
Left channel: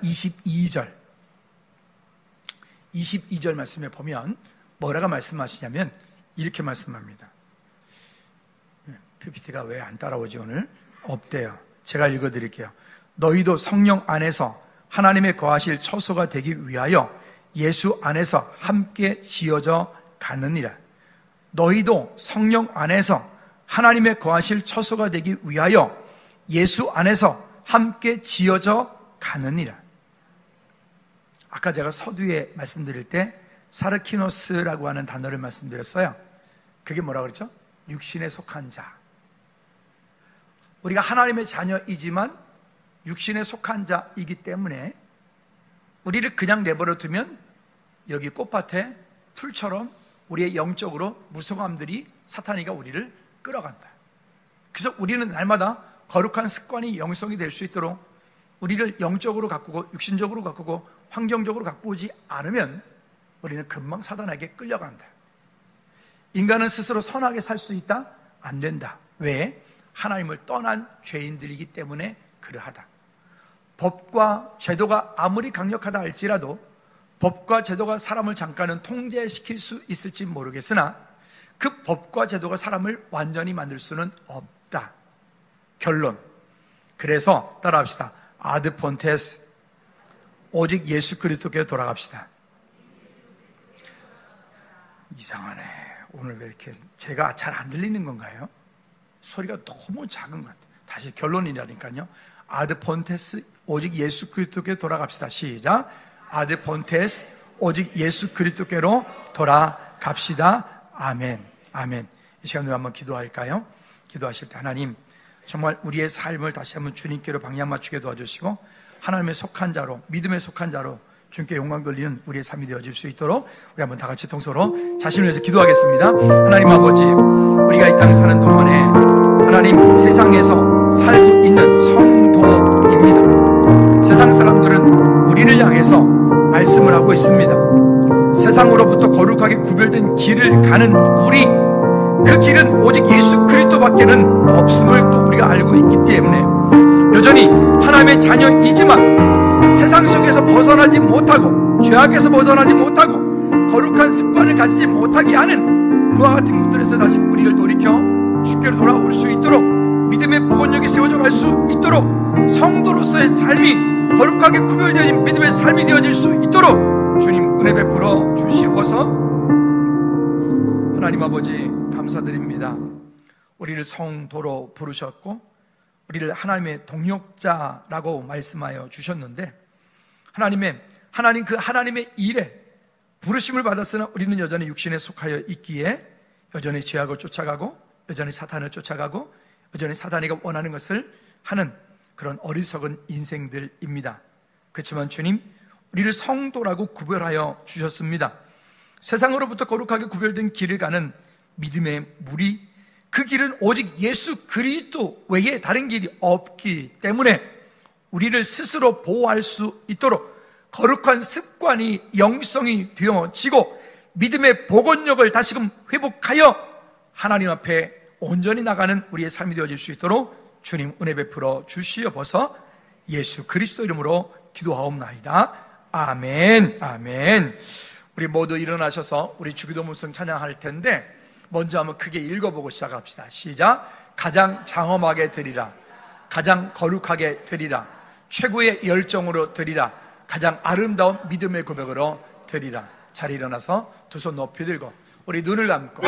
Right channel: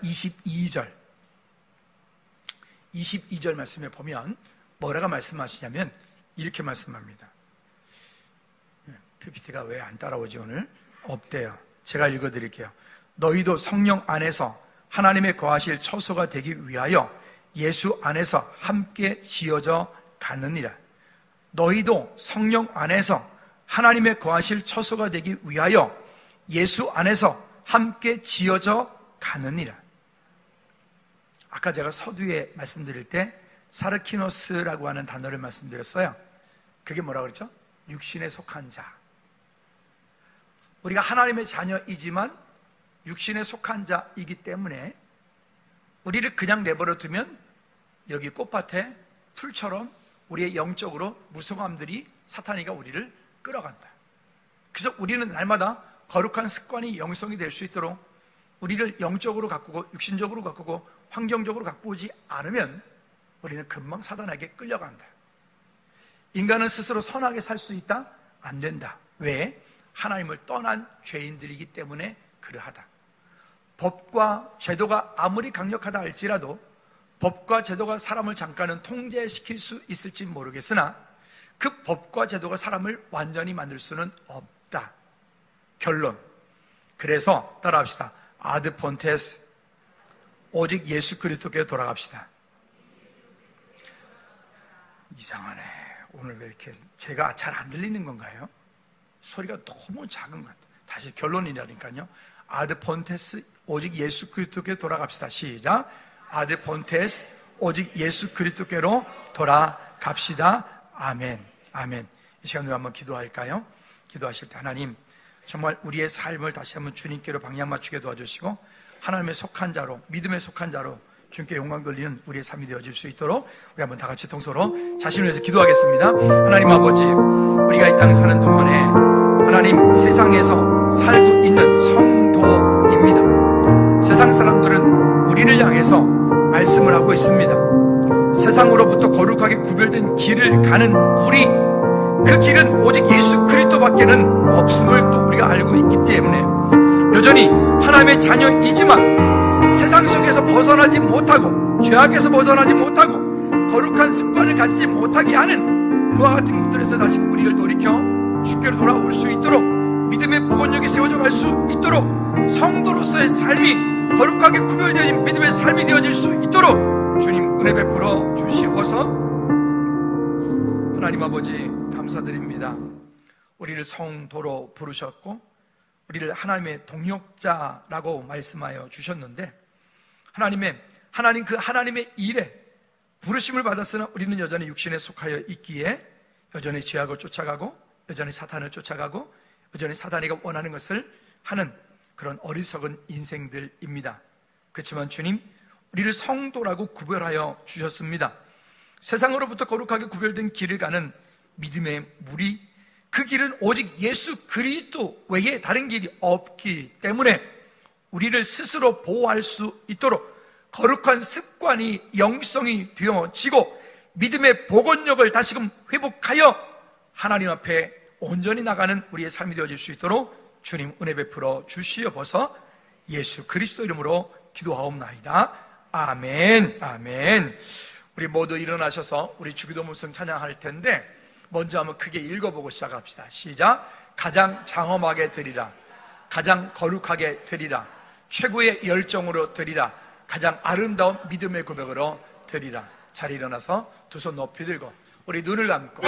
22절 말씀에 보면 뭐라고 말씀하시냐면 이렇게 말씀합니다. PPT가 왜 안 따라오지 오늘? 없대요. 제가 읽어드릴게요. 너희도 성령 안에서 하나님의 거하실 처소가 되기 위하여 예수 안에서 함께 지어져 가느니라. 너희도 성령 안에서 하나님의 거하실 처소가 되기 위하여 예수 안에서 함께 지어져 가느니라. 아까 제가 서두에 말씀드릴 때 사르키노스라고 하는 단어를 말씀드렸어요. 그게 뭐라 그랬죠? 육신에 속한 자. 우리가 하나님의 자녀이지만 육신에 속한 자이기 때문에 우리를 그냥 내버려 두면 여기 꽃밭에 풀처럼 우리의 영적으로 무성함들이 사탄이가 우리를 끌어간다. 그래서 우리는 날마다 거룩한 습관이 영성이 될 수 있도록 우리를 영적으로 가꾸고 육신적으로 가꾸고 환경적으로 가꾸지 않으면 우리는 금방 사단에게 끌려간다. 인간은 스스로 선하게 살 수 있다? 안 된다. 왜? 하나님을 떠난 죄인들이기 때문에 그러하다. 법과 제도가 아무리 강력하다 할지라도 법과 제도가 사람을 잠깐은 통제시킬 수 있을지 모르겠으나 그 법과 제도가 사람을 완전히 만들 수는 없다. 결론. 그래서 따라합시다. 아드 폰테스, 오직 예수 그리스도께 돌아갑시다. 이상하네. 오늘 왜 이렇게 제가 잘 안 들리는 건가요? 소리가 너무 작은 것 같아요. 다시 결론이라니까요. 아드 폰테스, 오직 예수 그리스도께 돌아갑시다. 시작. 아드 폰테스, 오직 예수 그리스도께로 돌아갑시다. 아멘. 아멘. 이 시간으로 한번 기도할까요? 기도하실 때 하나님, 정말 우리의 삶을 다시 한번 주님께로 방향 맞추게 도와주시고 하나님의 속한 자로, 믿음의 속한 자로 주님께 영광 돌리는 우리의 삶이 되어질 수 있도록 우리 한번 다 같이 통서로 자신을 위해서 기도하겠습니다. 하나님 아버지, 우리가 이 땅에 사는 동안에 하나님 세상에서 살고 있는 성도입니다. 세상 사람들은 우리를 향해서 말씀을 하고 있습니다. 세상으로부터 거룩하게 구별된 길을 가는 우리, 그 길은 오직 예수 그리스도밖에는 없음을 또 우리가 알고 있기 때문에 여전히 하나님의 자녀이지만 세상 속에서 벗어나지 못하고 죄악에서 벗어나지 못하고 거룩한 습관을 가지지 못하게 하는 그와 같은 것들에서 다시 우리를 돌이켜 주께로 돌아올 수 있도록 믿음의 복원력이 세워져 갈 수 있도록 성도로서의 삶이 거룩하게 구별되어진 믿음의 삶이 되어질 수 있도록 주님 은혜 베풀어 주시옵소서. 하나님 아버지 감사드립니다. 우리를 성도로 부르셨고 우리를 하나님의 동역자라고 말씀하여 주셨는데 하나님 그 하나님의 일에 부르심을 받았으나 우리는 여전히 육신에 속하여 있기에 여전히 죄악을 쫓아가고 여전히 사탄을 쫓아가고 여전히 사단이가 원하는 것을 하는 그런 어리석은 인생들입니다. 그렇지만 주님, 우리를 성도라고 구별하여 주셨습니다. 세상으로부터 거룩하게 구별된 길을 가는 믿음의 무리, 그 길은 오직 예수 그리스도 외에 다른 길이 없기 때문에 우리를 스스로 보호할 수 있도록 거룩한 습관이 영성이 되어지고 믿음의 복원력을 다시금 회복하여 하나님 앞에 온전히 나가는 우리의 삶이 되어질 수 있도록 주님 은혜 베풀어 주시옵소서. 예수 그리스도 이름으로 기도하옵나이다. 아멘. 아멘. 우리 모두 일어나셔서 우리 주기도문성 찬양할 텐데 먼저 한번 크게 읽어보고 시작합시다. 시작. 가장 장엄하게 드리라, 가장 거룩하게 드리라, 최고의 열정으로 드리라, 가장 아름다운 믿음의 고백으로 드리라. 자리 일어나서 두 손 높이 들고 우리 눈을 감고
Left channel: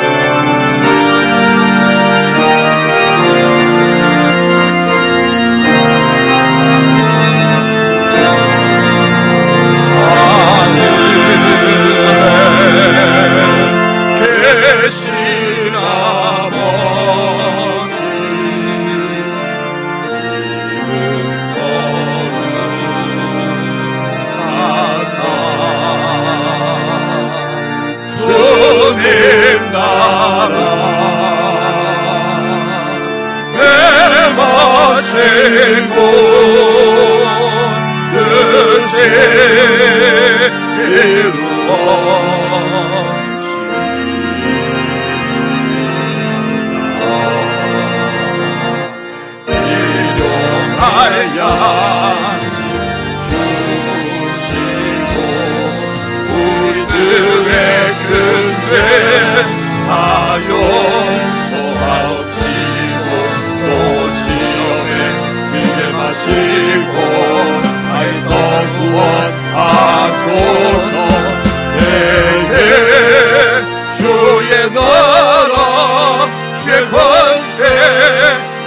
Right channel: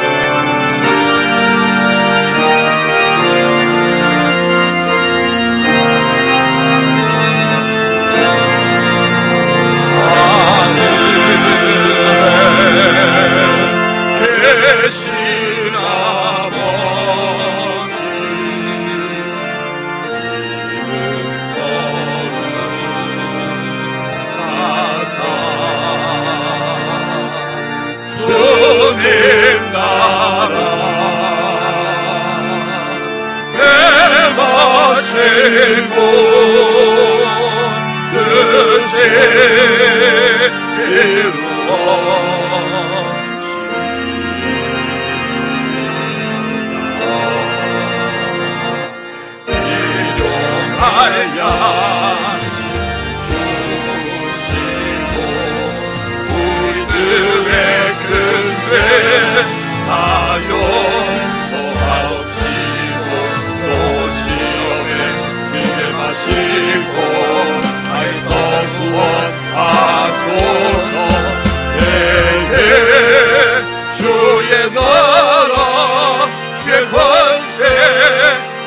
주의 권세,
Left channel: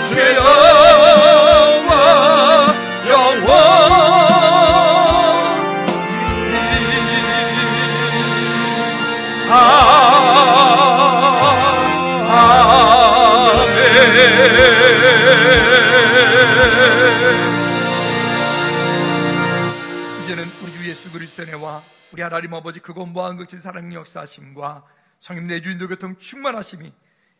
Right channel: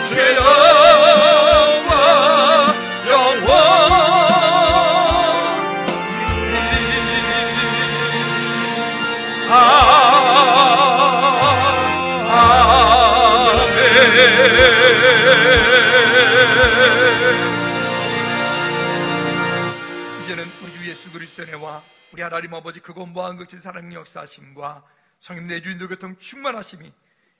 주의 우리 하나님 아버지 그거 무한극진 사랑의 역사하심과 성령 내주인들 교통 충만하심이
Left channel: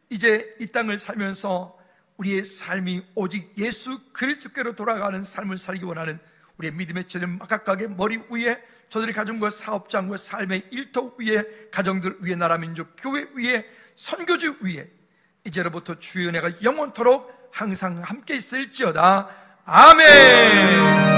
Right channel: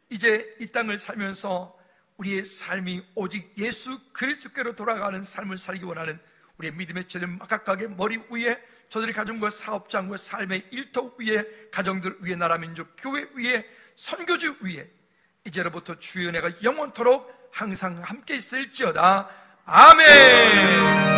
이제 이 땅을 살면서 우리의 삶이 오직 예수 그리스도께로 돌아가는 삶을 살기 원하는 우리의 믿음의 체질 각각의 머리 위에 저들의 가정과 사업장과 삶의 일터 위에 가정들 위에 나라 민족 교회 위에 선교지 위에 이제로부터 주의 은혜가 영원토록 항상 함께 있을지어다. 아멘.